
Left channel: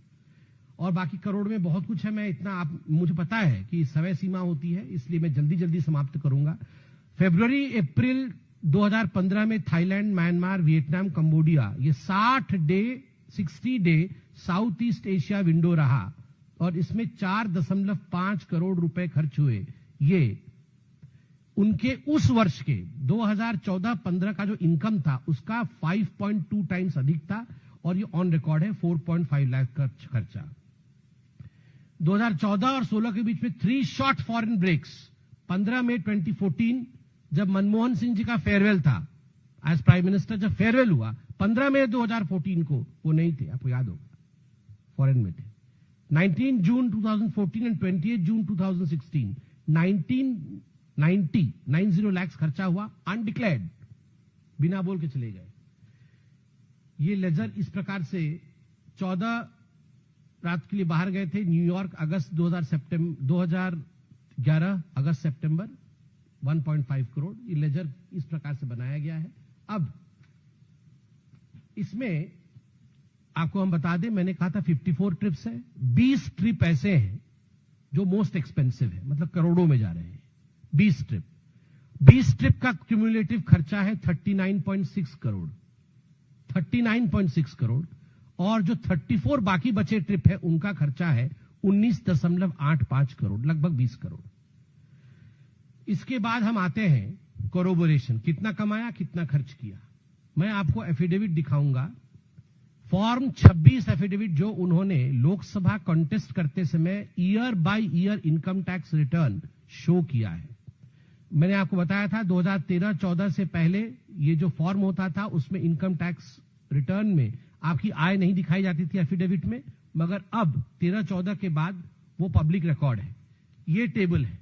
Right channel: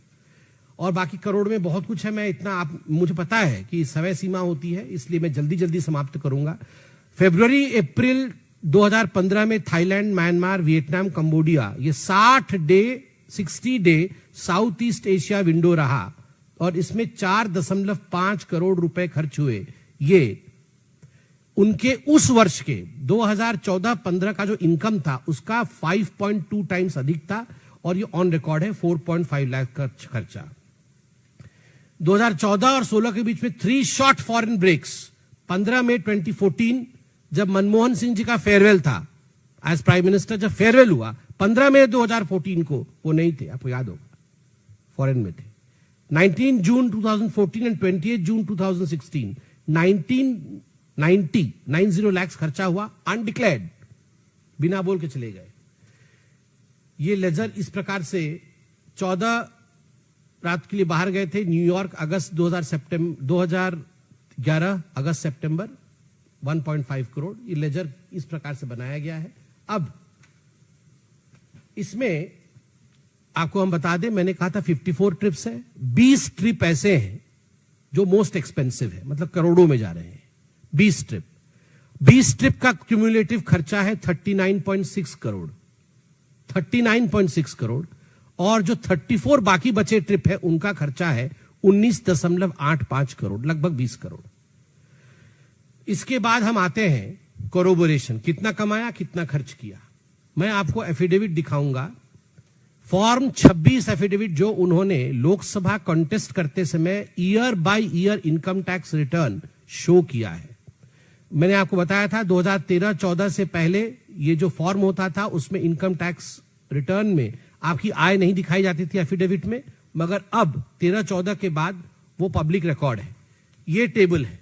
और बाकी करोड़ में बहुत कुछ है, मैं इतना मुझे पता है कि समय सीमा होती है, इसलिए मैं जल्दी जल्दी समाप्त करूंगा। फरवरी अप्रैल 2015 में थाईलैंड, म्यांमार, वियतनाम, कंबोडिया, ये 60 day south east Asia window रहा और इसमें 4.5 करोड़ रुपए खर्च हुए। ये उनके उस वर्ष के 2014-15 का जो इनकम था उसका 5.2 टाइम्स अधिक था और ये ऑन रिकॉर्ड है, 4.5 लाख खर्चा। 2014 और 16 के बीच में 3 शॉर्ट फॉरेन ब्रेक्स, 15 मई 2014 जब मनमोहन सिंह जी का फेयरवेल था एज प्राइम मिनिस्टर, जब फेयरवेल हुआ 15 मई 2014 को, वो नहीं थे, आपको याद होगा, फॉरेन में थे। 19 June 2014 and 28 June 2016, 90 lakhs खर्चा हुआ, अनडिक्लेयर्ड, बिना बोल के चले गए। ये लेजर इस प्रकार से 14 रात के लिए बाहर गए थे, न्यूयॉर्क अगस्त 2011 अगस्त सितंबर 1.5 करोड़। ये लेजर इस प्रकार से बनाया गया है। अब इसमें आपको हम बता दें, मैंने कहा था 54 ट्रिप्स है, 20 ट्रिप ऐसे हैं जो मोस्ट एक्सपेंसिव है, मतलब करोड़ों में जा रहे हैं। 20 ट्रिप का क्यूमुलेटिव खर्चा है 39.6 करोड़, 39.6 करोड़। और जो 34 बाकी बचे ट्रिप है उनका खर्चा है 19.85 करोड़, लगभग 20 करोड़। इसके बाद हम आते हैं कोरोबोरेशन, कितना कमाया, कितना खर्च किया। मैं आपको एफिडेविट दिखाऊंगा, फॉर्म 26 एफिडेविट जो उन्होंने लोकसभा कॉन्टेस्ट करते समय year by year income tax return show किया है। मैंने आपको बताया था 2013-14 से पहले ये जो फॉर्म होता था उसमें इनकम टैक्स रिटर्न में आपकी आय नहीं दिखाई जाती थी एफिडेविट में, मगर अब 13-14 के बाद वो पब्लिक रिकॉर्ड है। ये टेबल है,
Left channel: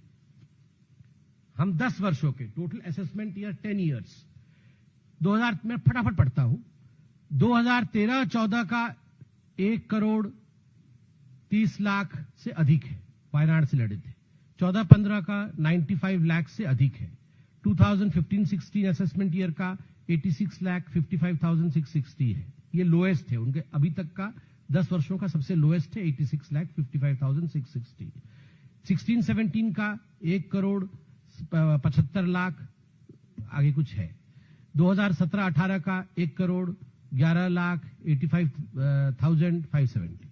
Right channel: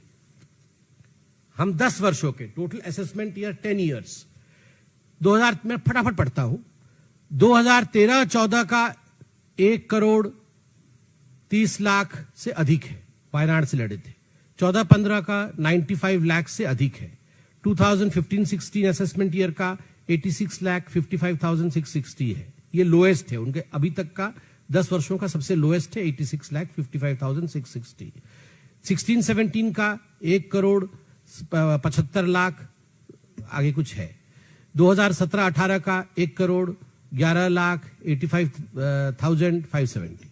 हम 10 वर्षों के टोटल असेसमेंट ईयर 10 ईयर्स 2000, मैं फटाफट पढ़ता हूं। 2013-14 का 1 करोड़ 30 लाख से अधिक है, वायनाड से लड़े थे। 14-15 का 95 लाख से अधिक है। 2015-16 असेसमेंट ईयर का 86,55,660 है, ये लोएस्ट है उनके अभी तक का 10 वर्षों का सबसे लोएस्ट है 86,55,660। 16-17 का 1 करोड़ 75 लाख आगे कुछ है। 2017-18 का 1 करोड़ 11 लाख 85,570।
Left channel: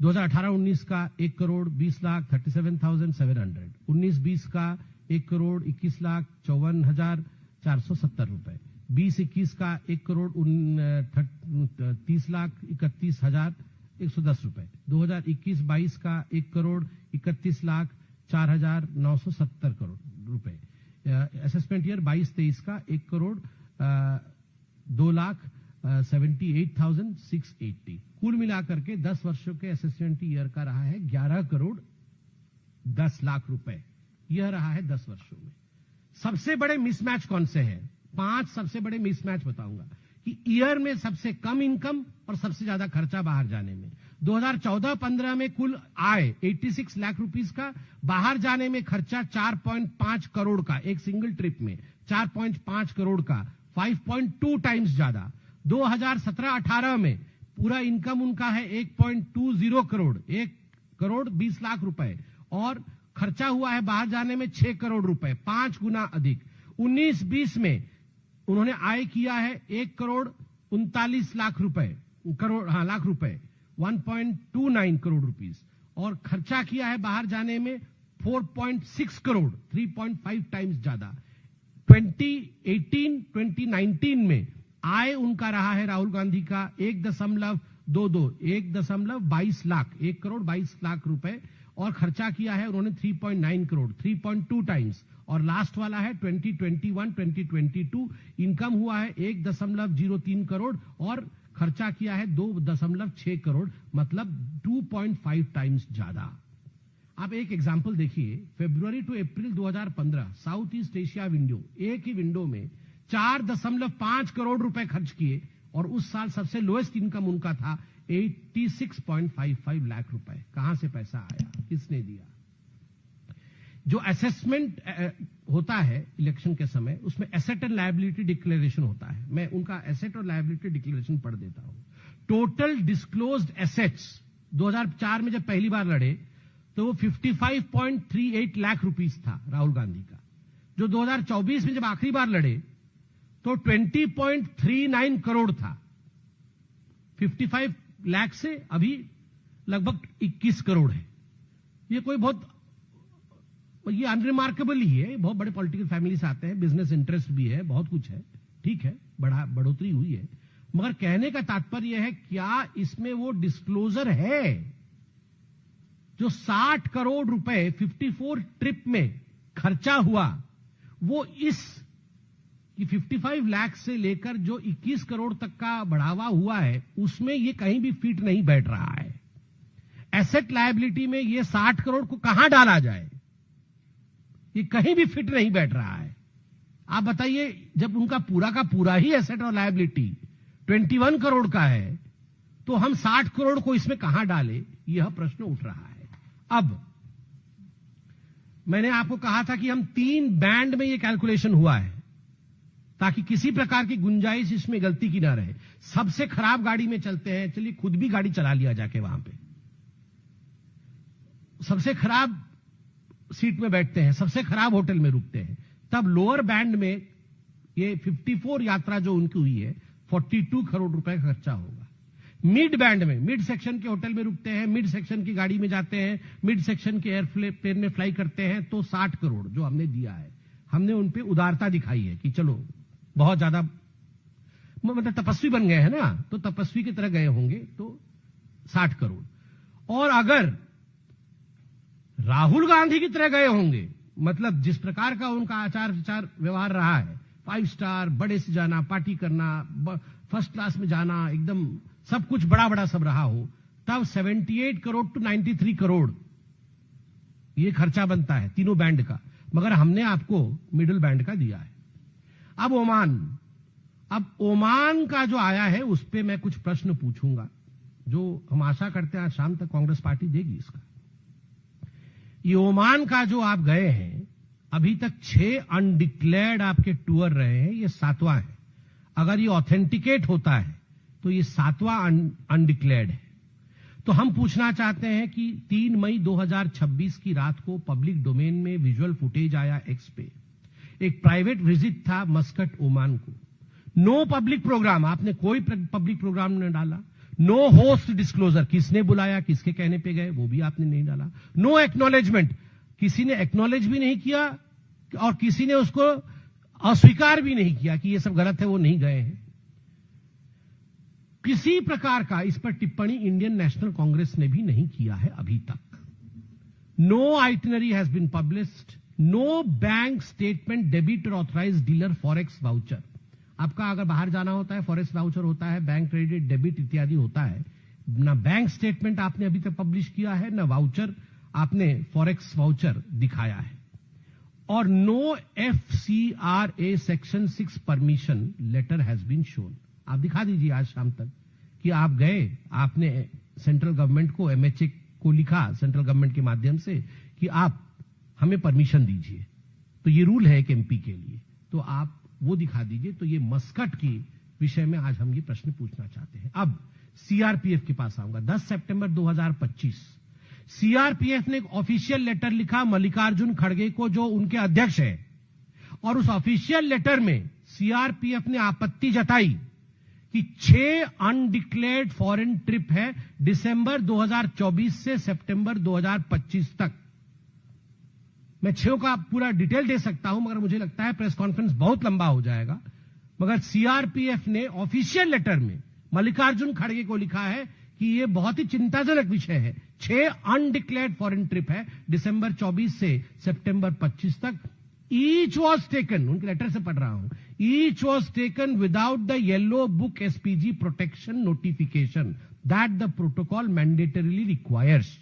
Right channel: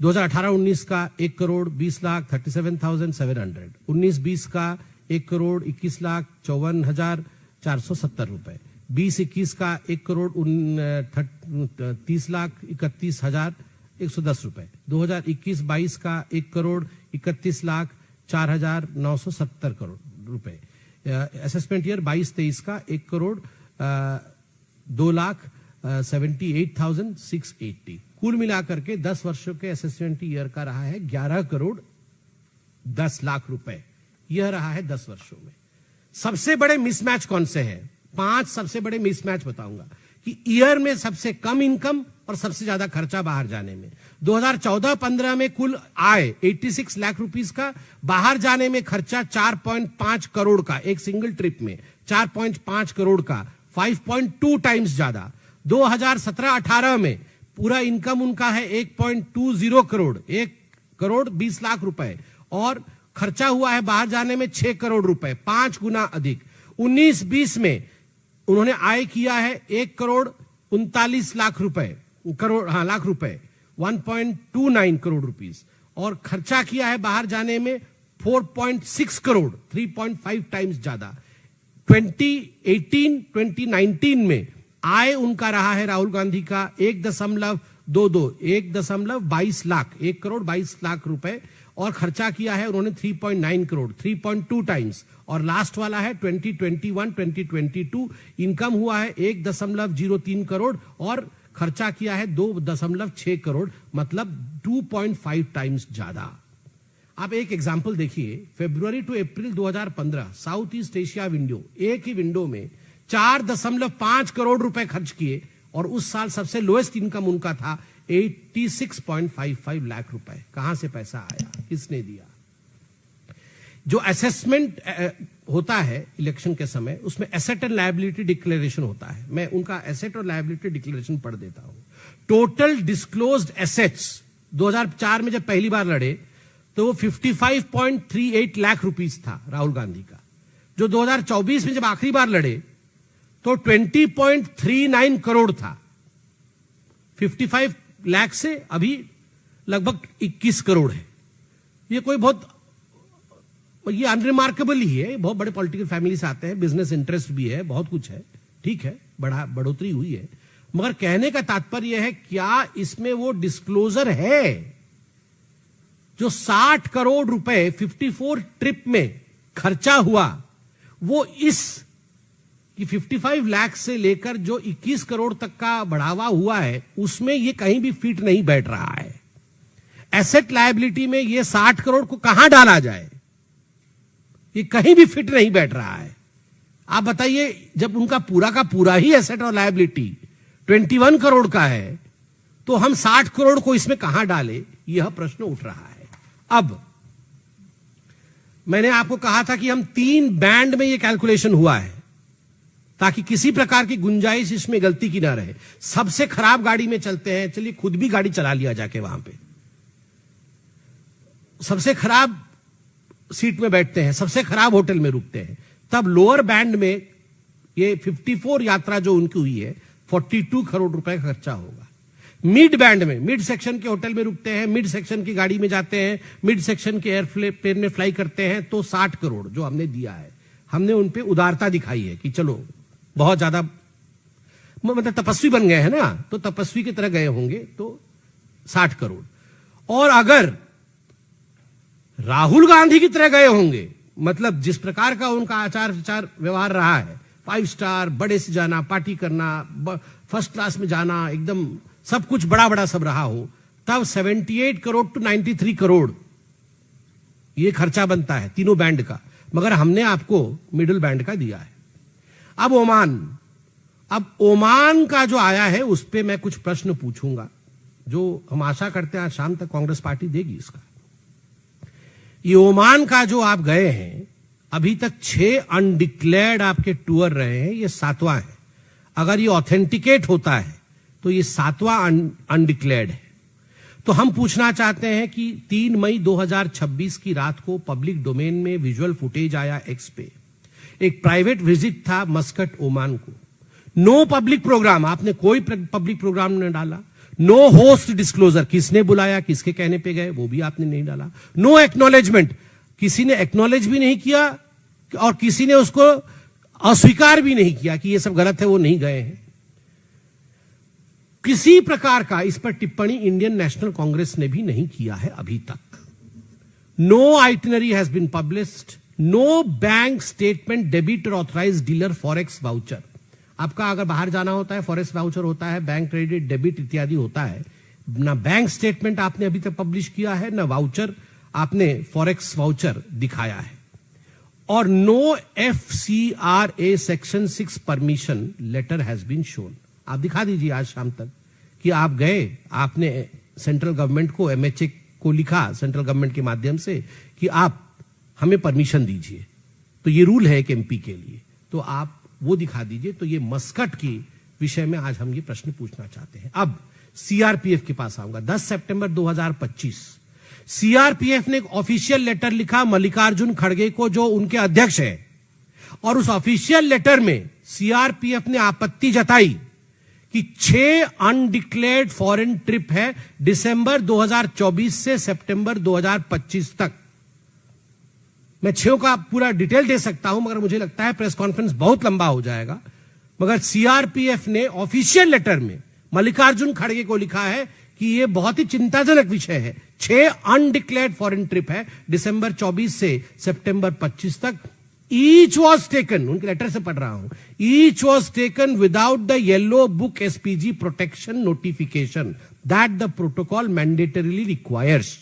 2018-19 का 1 करोड़ 20 लाख 37,700। 19-20 का 1 करोड़ 21 लाख 54,470 रुपए। 20-21 का 1 करोड़ 30 लाख 31,110 रुपए। 2021-22 का 1 करोड़ 31 लाख 4,970 करोड़ रुपए। असेसमेंट ईयर 22-23 का 1 करोड़ 2,78,680। कुल मिलाकर के 10 वर्षों के असेसमेंट ईयर का रहा है 11 करोड़ 10 लाख रुपए। यह रहा है 10 वर्षों में। सबसे बड़े मिसमैच कौन से हैं? 5 सबसे बड़े मिसमैच बताऊंगा कि ईयर में सबसे कम इनकम और सबसे ज्यादा खर्चा बाहर जाने में। 2014-15 में कुल आय 86 लाख रुपीस का, बाहर जाने में खर्चा 4.5 करोड़ का, एक सिंगल ट्रिप में 4.5 करोड़ का, 5.2 टाइम्स ज्यादा। 2017-18 में पूरा इनकम उनका है 1.20 करोड़, 1 करोड़ 20 लाख रुपए, और खर्चा हुआ है बाहर जाने में 6 करोड़ रुपए, 5 गुना अधिक। 19-20 में उन्होंने आय किया है 1 करोड़ 39 लाख रुपए, लाख रुपए, 1.29 करोड़ रुपीस, और खर्चा किया है बाहर जाने में 4.6 करोड़, 3.5 टाइम्स ज्यादा। 2018-2019 में आय उनका रहा है राहुल गांधी का 1.22 लाख, 1 करोड़ 22 लाख रुपए, और खर्चा किया है उन्होंने 3.9 करोड़, 3.2 टाइम्स। और लास्ट वाला है 2021-2022, इनकम हुआ है 1.03 करोड़ और खर्चा किया है 2.6 करोड़, मतलब 2.5 टाइम्स ज्यादा। आप एक एग्जांपल देखिए, February to April 2015 south east Asia window, एक ही विंडो में 4.5 करोड़ रुपए खर्च किए, और उस साल सबसे लोएस्ट इनकम उनका था 86.55 लाख रुपए। कहां से पैसा आया, किसने दिया? जो असेसमेंट होता है इलेक्शन के समय, उसमें एसेट एंड लायबिलिटी डिक्लेरेशन होता है। मैं उनका एसेट और लायबिलिटी डिक्लेरेशन पढ़ देता हूं। टोटल डिस्क्लोज्ड एसेट्स 2004 में जब पहली बार लड़े तो वो 55.38 लाख रुपीस था राहुल गांधी का। जो 2024 में जब आखिरी बार लड़े तो 20.39 करोड़ था। 55 लाख से अभी लगभग 21 करोड़ है। ये कोई बहुत, ये अनरिमार्केबल ही है। बहुत बड़े पॉलिटिकल फैमिली से आते हैं, बिजनेस इंटरेस्ट भी है, बहुत कुछ है, ठीक है, बढ़ोतरी हुई है, मगर कहने का तात्पर्य है क्या इसमें वो डिस्क्लोजर है? जो 60 करोड़ रुपए 54 ट्रिप में खर्चा हुआ, वो इस 55 लाख से लेकर जो 21 करोड़ तक का बढ़ावा हुआ है, उसमें ये कहीं भी फिट नहीं बैठ रहा है। एसेट लायबिलिटी में ये 60 करोड़ को कहां डाला जाए, ये कहीं भी फिट नहीं बैठ रहा है। आप बताइए, जब उनका पूरा का पूरा ही एसेट और लायबिलिटी 21 करोड़ का है, तो हम 60 करोड़ को इसमें कहां डाले, यह प्रश्न उठ रहा है। अब मैंने आपको कहा था कि हम 3 बैंड में यह कैलकुलेशन हुआ है, ताकि किसी प्रकार की गुंजाइश इसमें गलती की ना रहे। सबसे खराब गाड़ी में चलते हैं, चलिए खुद भी गाड़ी चला लिया जाके वहां पे, सबसे खराब सीट में बैठते हैं, सबसे खराब होटल में रुकते हैं, तब लोअर बैंड में ये 54 यात्रा जो उनकी हुई है 42 करोड़ रुपए का खर्चा होगा। मिड बैंड में, मिड सेक्शन के होटल में रुकते हैं, मिड सेक्शन की गाड़ी में जाते हैं, मिड सेक्शन के एयरप्लेन में फ्लाई करते हैं, तो 60 करोड़ जो हमने दिया है, हमने उन पे उदारता दिखाई है कि चलो बहुत ज्यादा मतलब तपस्वी बन गए हैं ना, तो तपस्वी की तरह गए होंगे, तो 60 करोड़। और अगर राहुल गांधी की तरह गए होंगे, मतलब जिस प्रकार का उनका आचार विचार व्यवहार रहा है, 5 स्टार, बड़े से जाना, पार्टी करना, फर्स्ट क्लास में जाना, एकदम सब कुछ बड़ा बड़ा सब रहा हो, तब 78 करोड़ टू 93 करोड़ ये खर्चा बनता है तीनों बैंड का। मगर हमने आपको मिडिल बैंड का दिया है। अब ओमान का जो आया है उस पे मैं कुछ प्रश्न पूछूंगा, जो हम आशा करते हैं आज शाम तक कांग्रेस पार्टी देगी इसका। ये ओमान का जो आप गए हैं, अभी तक 6 अनडिक्लेयर्ड आपके टूर रहे हैं, ये 7वां है। अगर ये ऑथेंटिकेट होता है तो ये 7वां अनडिक्लेयर्ड है। तो हम पूछना चाहते हैं कि 3 मई 2026 की रात को पब्लिक डोमेन में विजुअल फुटेज आया एक्स पे, एक प्राइवेट विजिट था मस्कट ओमान को, नो पब्लिक प्रोग्राम, आपने कोई पब्लिक प्रोग्राम नहीं डाला, नो होस्ट डिस्क्लोजर, किसने बुलाया, किसके कहने पे गए, वो भी आपने नहीं डाला, नो एक्नॉलेजमेंट, किसी ने एक्नॉलेज भी नहीं किया और किसी ने उसको अस्वीकार भी नहीं किया कि ये सब गलत है, वो नहीं गए हैं। किसी प्रकार का इस पर टिप्पणी इंडियन नेशनल कांग्रेस ने भी नहीं किया है अभी तक। No itinerary has been published, no bank statement debit और ऑथराइज्ड डीलर फॉरेक्स वाउचर। आपका अगर बाहर जाना होता है, फॉरेक्स वाउचर होता है, बैंक क्रेडिट डेबिट इत्यादि होता है, ना बैंक स्टेटमेंट आपने अभी तक पब्लिश किया है, ना वाउचर आपने फॉरेक्स वाउचर दिखाया है, और no FCRA section 6 permission letter has been shown. आप दिखा दीजिए आज शाम तक कि आप गए, आपने सेंट्रल गवर्नमेंट को, MHA को लिखा सेंट्रल गवर्नमेंट के माध्यम से कि आप हमें परमिशन दीजिए, तो ये रूल है एक MP के लिए, तो आप वो दिखा दीजिए। तो ये मस्कट की विषय में आज हम ये प्रश्न पूछना चाहते हैं। अब CRPF के पास आऊंगा। 10 सितंबर 2025 CRPF ने एक ऑफिशियल लेटर लिखा मल्लिकार्जुन खड़गे को, जो उनके अध्यक्ष है, और उस ऑफिशियल लेटर में CRPF ने आपत्ति जताई कि 6 अनडिक्लेयर्ड फॉरेन ट्रिप है दिसंबर 2024 से सितंबर 2025 तक। मैं 6 का पूरा डिटेल दे सकता हूं, मगर मुझे लगता है प्रेस कॉन्फ्रेंस बहुत लंबा हो जाएगा। मगर CRPF ने ऑफिशियल लेटर में मल्लिकार्जुन खड़गे को लिखा है कि यह बहुत ही चिंताजनक विषय है। 6 अनडिक्लेयर्ड फॉरेन ट्रिप है दिसंबर 24 से सितंबर 25 तक। ईच वॉज टेकन, उनके लेटर से पढ़ रहा हूं, each was taken without the yellow book SPG protection notification that the protocol mandatorily requires.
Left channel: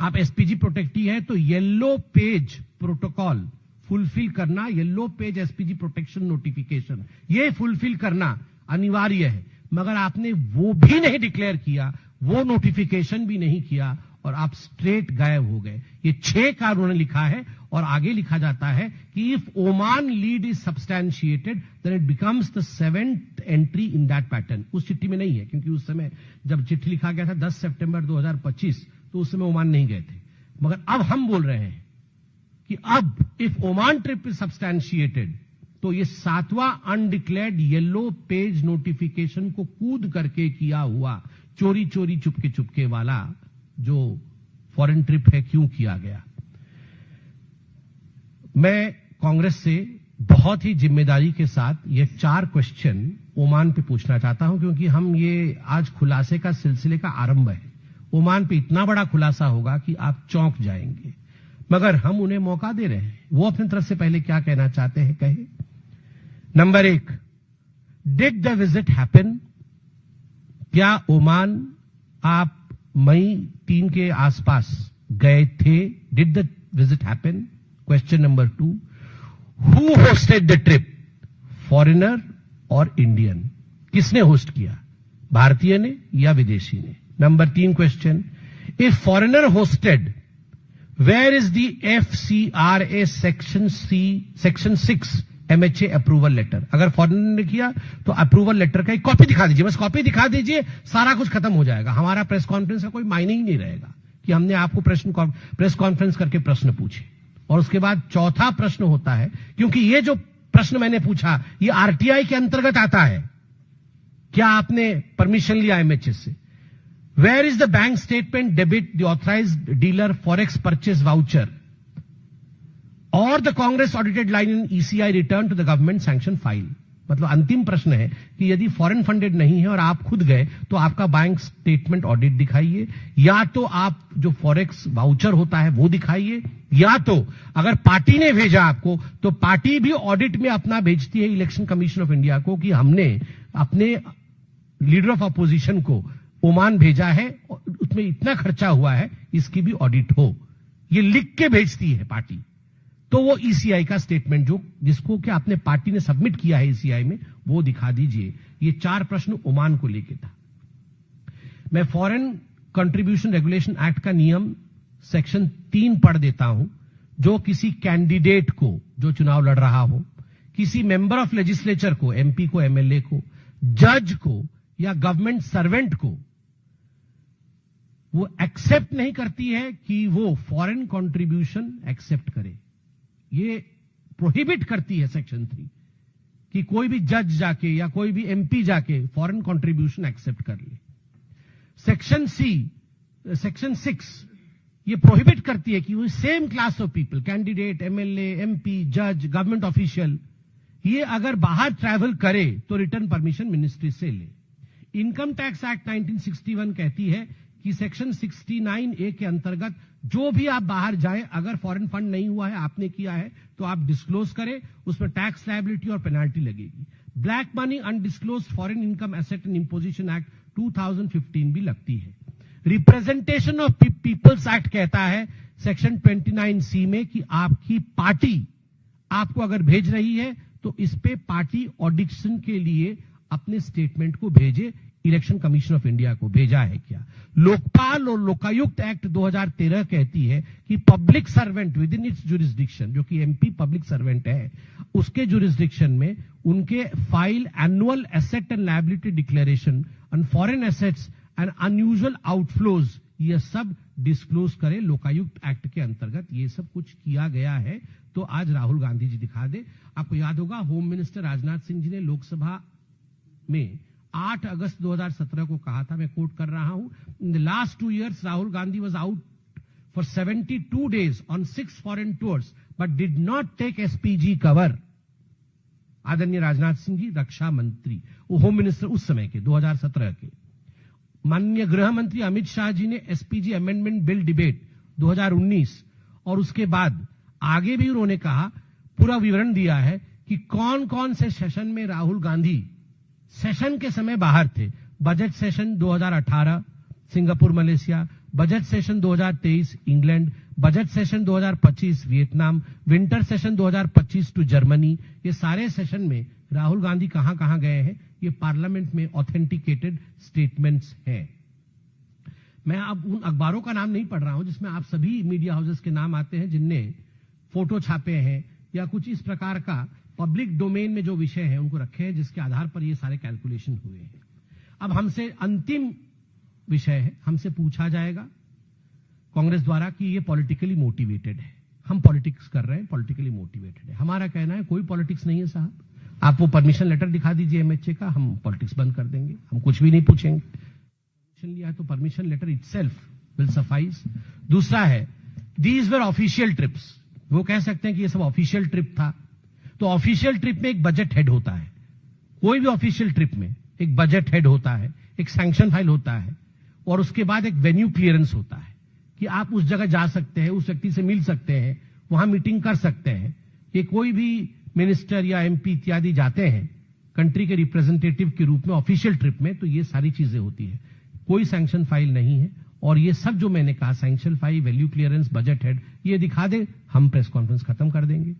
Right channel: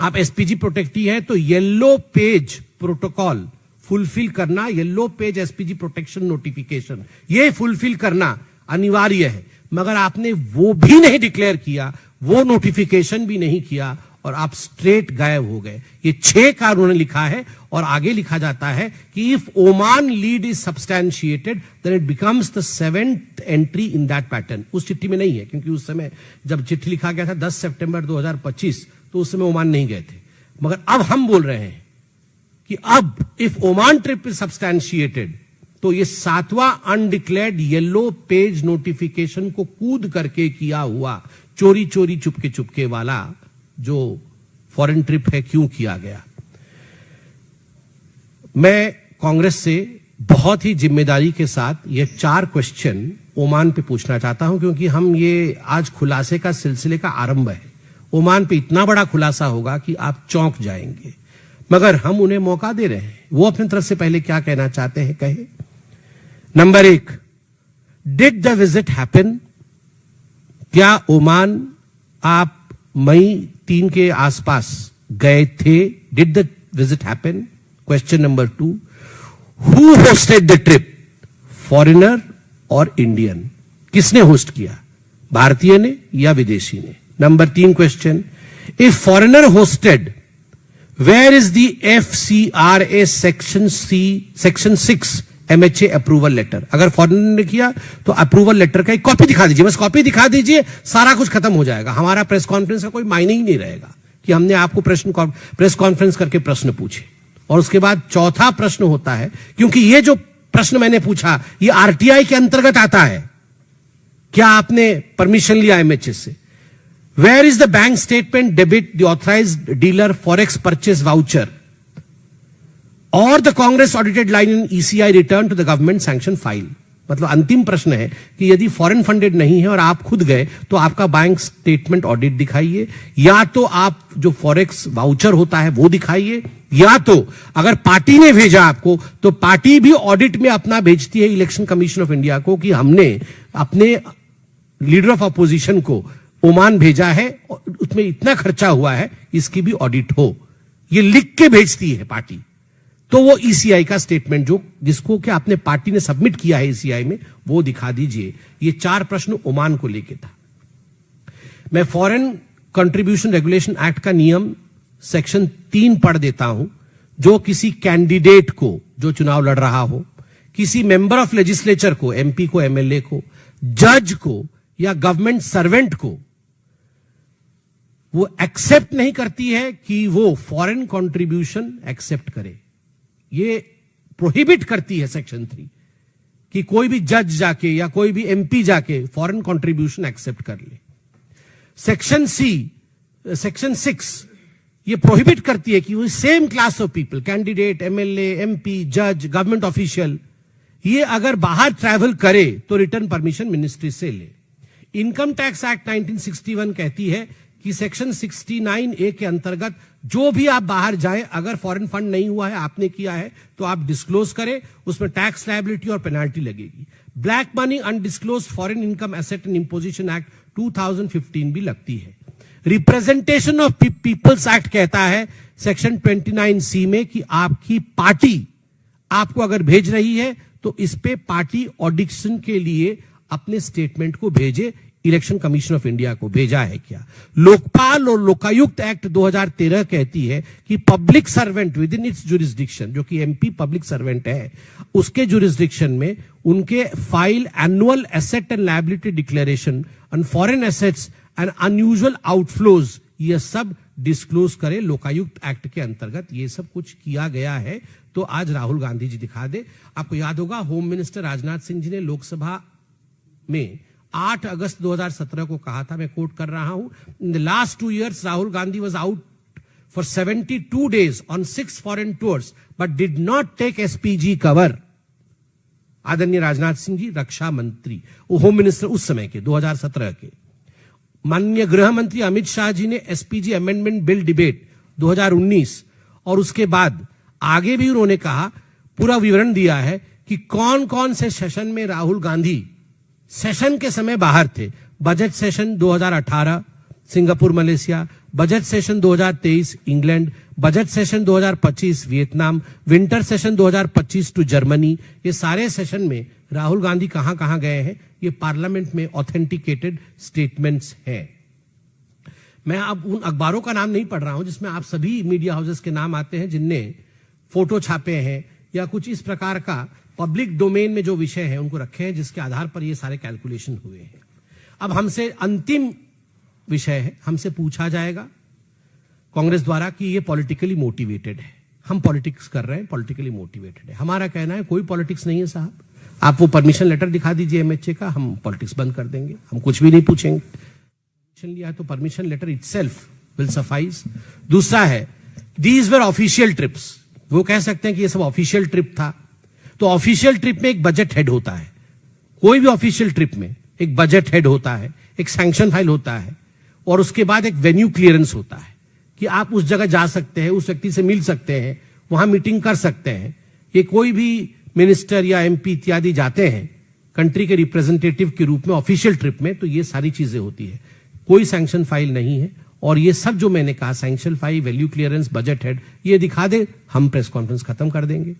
आप SPG प्रोटेक्टी है तो येलो पेज प्रोटोकॉल फुलफिल करना, yellow page SPG protection notification, ये फुलफिल करना अनिवार्य है। मगर आपने वो भी नहीं डिक्लेयर किया, वो नोटिफिकेशन भी नहीं किया, और आप स्ट्रेट गायब हो गए। ये 6 का उन्होंने लिखा है, और आगे लिखा जाता है कि if Oman lead is substantiated then it becomes the 7th entry in that pattern. उस चिट्ठी में नहीं है, क्योंकि उस समय जब चिट्ठी लिखा गया था 10 सितंबर 2025, तो उस समय ओमान नहीं गए थे। मगर अब हम बोल रहे हैं कि अब इफ ओमान ट्रिप इज सब्सटैंशिएटेड, तो ये 7वां अनडिक्लेयर्ड येलो पेज नोटिफिकेशन को कूद करके किया हुआ चोरी चोरी चुपके चुपके वाला जो फॉरेन ट्रिप है, क्यों किया गया। मैं कांग्रेस से बहुत ही जिम्मेदारी के साथ ये 4 क्वेश्चन ओमान पे पूछना चाहता हूं, क्योंकि हम ये आज खुलासे का सिलसिले का आरंभ है। ओमान पे इतना बड़ा खुलासा होगा कि आप चौंक जाएंगे, मगर हम उन्हें मौका दे रहे हैं। वो अपनी तरफ से पहले क्या कहना चाहते हैं कहे। Number 1, did the visit happen? क्या ओमान आप मई 3 के आसपास गए थे. Did the visit happen? Question number 2, who hosted the trip, foreigner और इंडियन? किसने होस्ट किया, भारतीय ने या विदेशी ने? Number 3 question, if foreigner hosted, where is the FCRA section 6 MHA approval letter? अगर फॉरेनर ने किया तो अप्रूवल लेटर का एक कॉपी दिखा दीजिए, बस कॉपी दिखा दीजिए, सारा कुछ खत्म हो जाएगा. हमारा प्रेस कॉन्फ्रेंस का कोई मायने ही नहीं रहेगा कि हमने आपको प्रेस कॉन्फ्रेंस करके प्रश्न पूछे. और उसके बाद चौथा प्रश्न होता है, क्योंकि ये जो प्रश्न मैंने पूछा ये RTI के अंतर्गत आता है, क्या आपने परमिशन लिया MHA से? Where is the bank statement debit the authorised dealer forex purchase voucher और the Congress audited line in ECI return to the government sanction file? मतलब अंतिम प्रश्न है कि यदि फॉरेन फंडेड नहीं है और आप खुद गए तो आपका बैंक स्टेटमेंट ऑडिट दिखाइए, या तो आप जो फॉरेक्स वाउचर होता है वो दिखाइए, या तो अगर पार्टी ने भेजा आपको तो पार्टी भी ऑडिट में अपना भेजती है इलेक्शन कमीशन ऑफ इंडिया को कि हमने अपने लीडर ऑफ अपोजिशन को ओमान भेजा है, उसमें इतना खर्चा हुआ है, इसकी भी ऑडिट हो. ये लिख के भेजती है पार्टी. तो वो ECI का स्टेटमेंट जो जिसको कि आपने पार्टी ने सबमिट किया है ECI में, वो दिखा दीजिए. ये 4 प्रश्न ओमान को लेके था. मैं फॉरेन कंट्रीब्यूशन रेगुलेशन एक्ट का नियम सेक्शन 3 पढ़ देता हूं. जो किसी कैंडिडेट को जो चुनाव लड़ रहा हो, किसी मेंबर ऑफ लेजिस्लेचर को, MP को, MLA को, जज को या गवर्नमेंट सर्वेंट को वो एक्सेप्ट नहीं करती है कि वो फॉरेन कंट्रीब्यूशन एक्सेप्ट करे. ये प्रोहिबिट करती है सेक्शन 3 कि कोई भी जज जाके या कोई भी MP जाके फॉरेन कंट्रीब्यूशन एक्सेप्ट कर ले. सेक्शन 6 ये प्रोहिबिट करती है कि वो same class of people, candidate, MLA, MP, जज, गवर्नमेंट ऑफिशियल, ये अगर बाहर ट्रैवल करे तो रिटर्न परमिशन मिनिस्ट्री से ले. इनकम टैक्स एक्ट 1961 कहती है कि सेक्शन 69A के अंतर्गत जो भी आप बाहर जाएं, अगर फॉरेन फंड नहीं हुआ है, आपने किया है, तो आप डिस्क्लोज करें, उसमें टैक्स लायबिलिटी और पेनाल्टी लगेगी. Black money, undisclosed foreign income asset and imposition act 2015 भी लगती है. रिप्रेजेंटेशन ऑफ पीपल्स एक्ट कहता है सेक्शन 29C में कि आपकी पार्टी आपको अगर भेज रही है तो इस पे पार्टी ऑडिशन के लिए अपने स्टेटमेंट को भेजे. इलेक्शन कमीशन ऑफ इंडिया को भेजा है क्या? लोकपाल और लोकायुक्त एक्ट 2013 कहती है कि public servant with in its jurisdiction, जो कि MP पब्लिक सर्वेंट है, उसके जुरिस्डिक्शन में उनके file annual asset and liability declaration on foreign assets and unusual outflows, ये सब डिस्क्लोज करे. लोकायुक्त एक्ट के अंतर्गत ये सब कुछ किया गया है. तो आज राहुल गांधी जी दिखा दे. आपको याद होगा होम मिनिस्टर राजनाथ सिंह जी ने लोकसभा में 8 अगस्त 2017 को कहा था, मैं कोट कर रहा हूं, in the last 2 years Rahul Gandhi was out for 72 days on 6 foreign tours but did not take SPG cover. आदरणीय राजनाथ सिंह जी रक्षा मंत्री, होम मिनिस्टर उस समय के 2017 के. माननीय गृह मंत्री अमित शाह जी ने SPG अमेंडमेंट बिल डिबेट 2019 और उसके बाद आगे भी उन्होंने कहा, पूरा विवरण दिया है कि कौन कौन से सेशन में राहुल गांधी सेशन के समय बाहर थे. Budget session 2018 Singapore Malaysia, budget session 2023 England, budget session 2025 Vietnam, winter session 2025 to Germany. ये सारे सेशन में राहुल गांधी कहां कहां गए हैं, ये पार्लियामेंट में ऑथेंटिकेटेड स्टेटमेंट्स है. मैं अब उन अखबारों का नाम नहीं पढ़ रहा हूं जिसमें आप सभी मीडिया हाउसेस के नाम आते हैं जिनने फोटो छापे हैं या कुछ इस प्रकार का पब्लिक डोमेन में जो विषय है उनको रखे हैं, जिसके आधार पर ये सारे कैलकुलेशन हुए हैं. अब हमसे अंतिम विषय है, हमसे पूछा जाएगा कांग्रेस द्वारा कि ये पॉलिटिकली मोटिवेटेड है, हम पॉलिटिक्स कर रहे हैं, पॉलिटिकली मोटिवेटेड है. हमारा कहना है कोई पॉलिटिक्स नहीं है साहब. आप वो परमिशन लेटर दिखा दीजिए MHA का, हम पॉलिटिक्स बंद कर देंगे, हम कुछ भी नहीं पूछेंगे. परमिशन लिया है तो permission letter itself will suffice. दूसरा है दीज वर ऑफिशियल ट्रिप्स. वो कह सकते हैं कि ये सब ऑफिशियल ट्रिप था. तो ऑफिशियल ट्रिप में एक बजट हेड होता है, कोई भी ऑफिशियल ट्रिप में एक बजट हेड होता है, एक सैंक्शन फाइल होता है, और उसके बाद एक वेन्यू क्लियरेंस होता है कि आप उस जगह जा सकते हैं, उस व्यक्ति से मिल सकते हैं, वहां मीटिंग कर सकते हैं. ये कोई भी मिनिस्टर या MP इत्यादि जाते हैं कंट्री के रिप्रेजेंटेटिव के रूप में ऑफिशियल ट्रिप में, तो ये सारी चीजें होती है. कोई सैंक्शन फाइल नहीं है और ये सब जो मैंने कहा, sanction 5, value clearance, budget head, ये दिखा दे, हम प्रेस कॉन्फ्रेंस खत्म कर देंगे।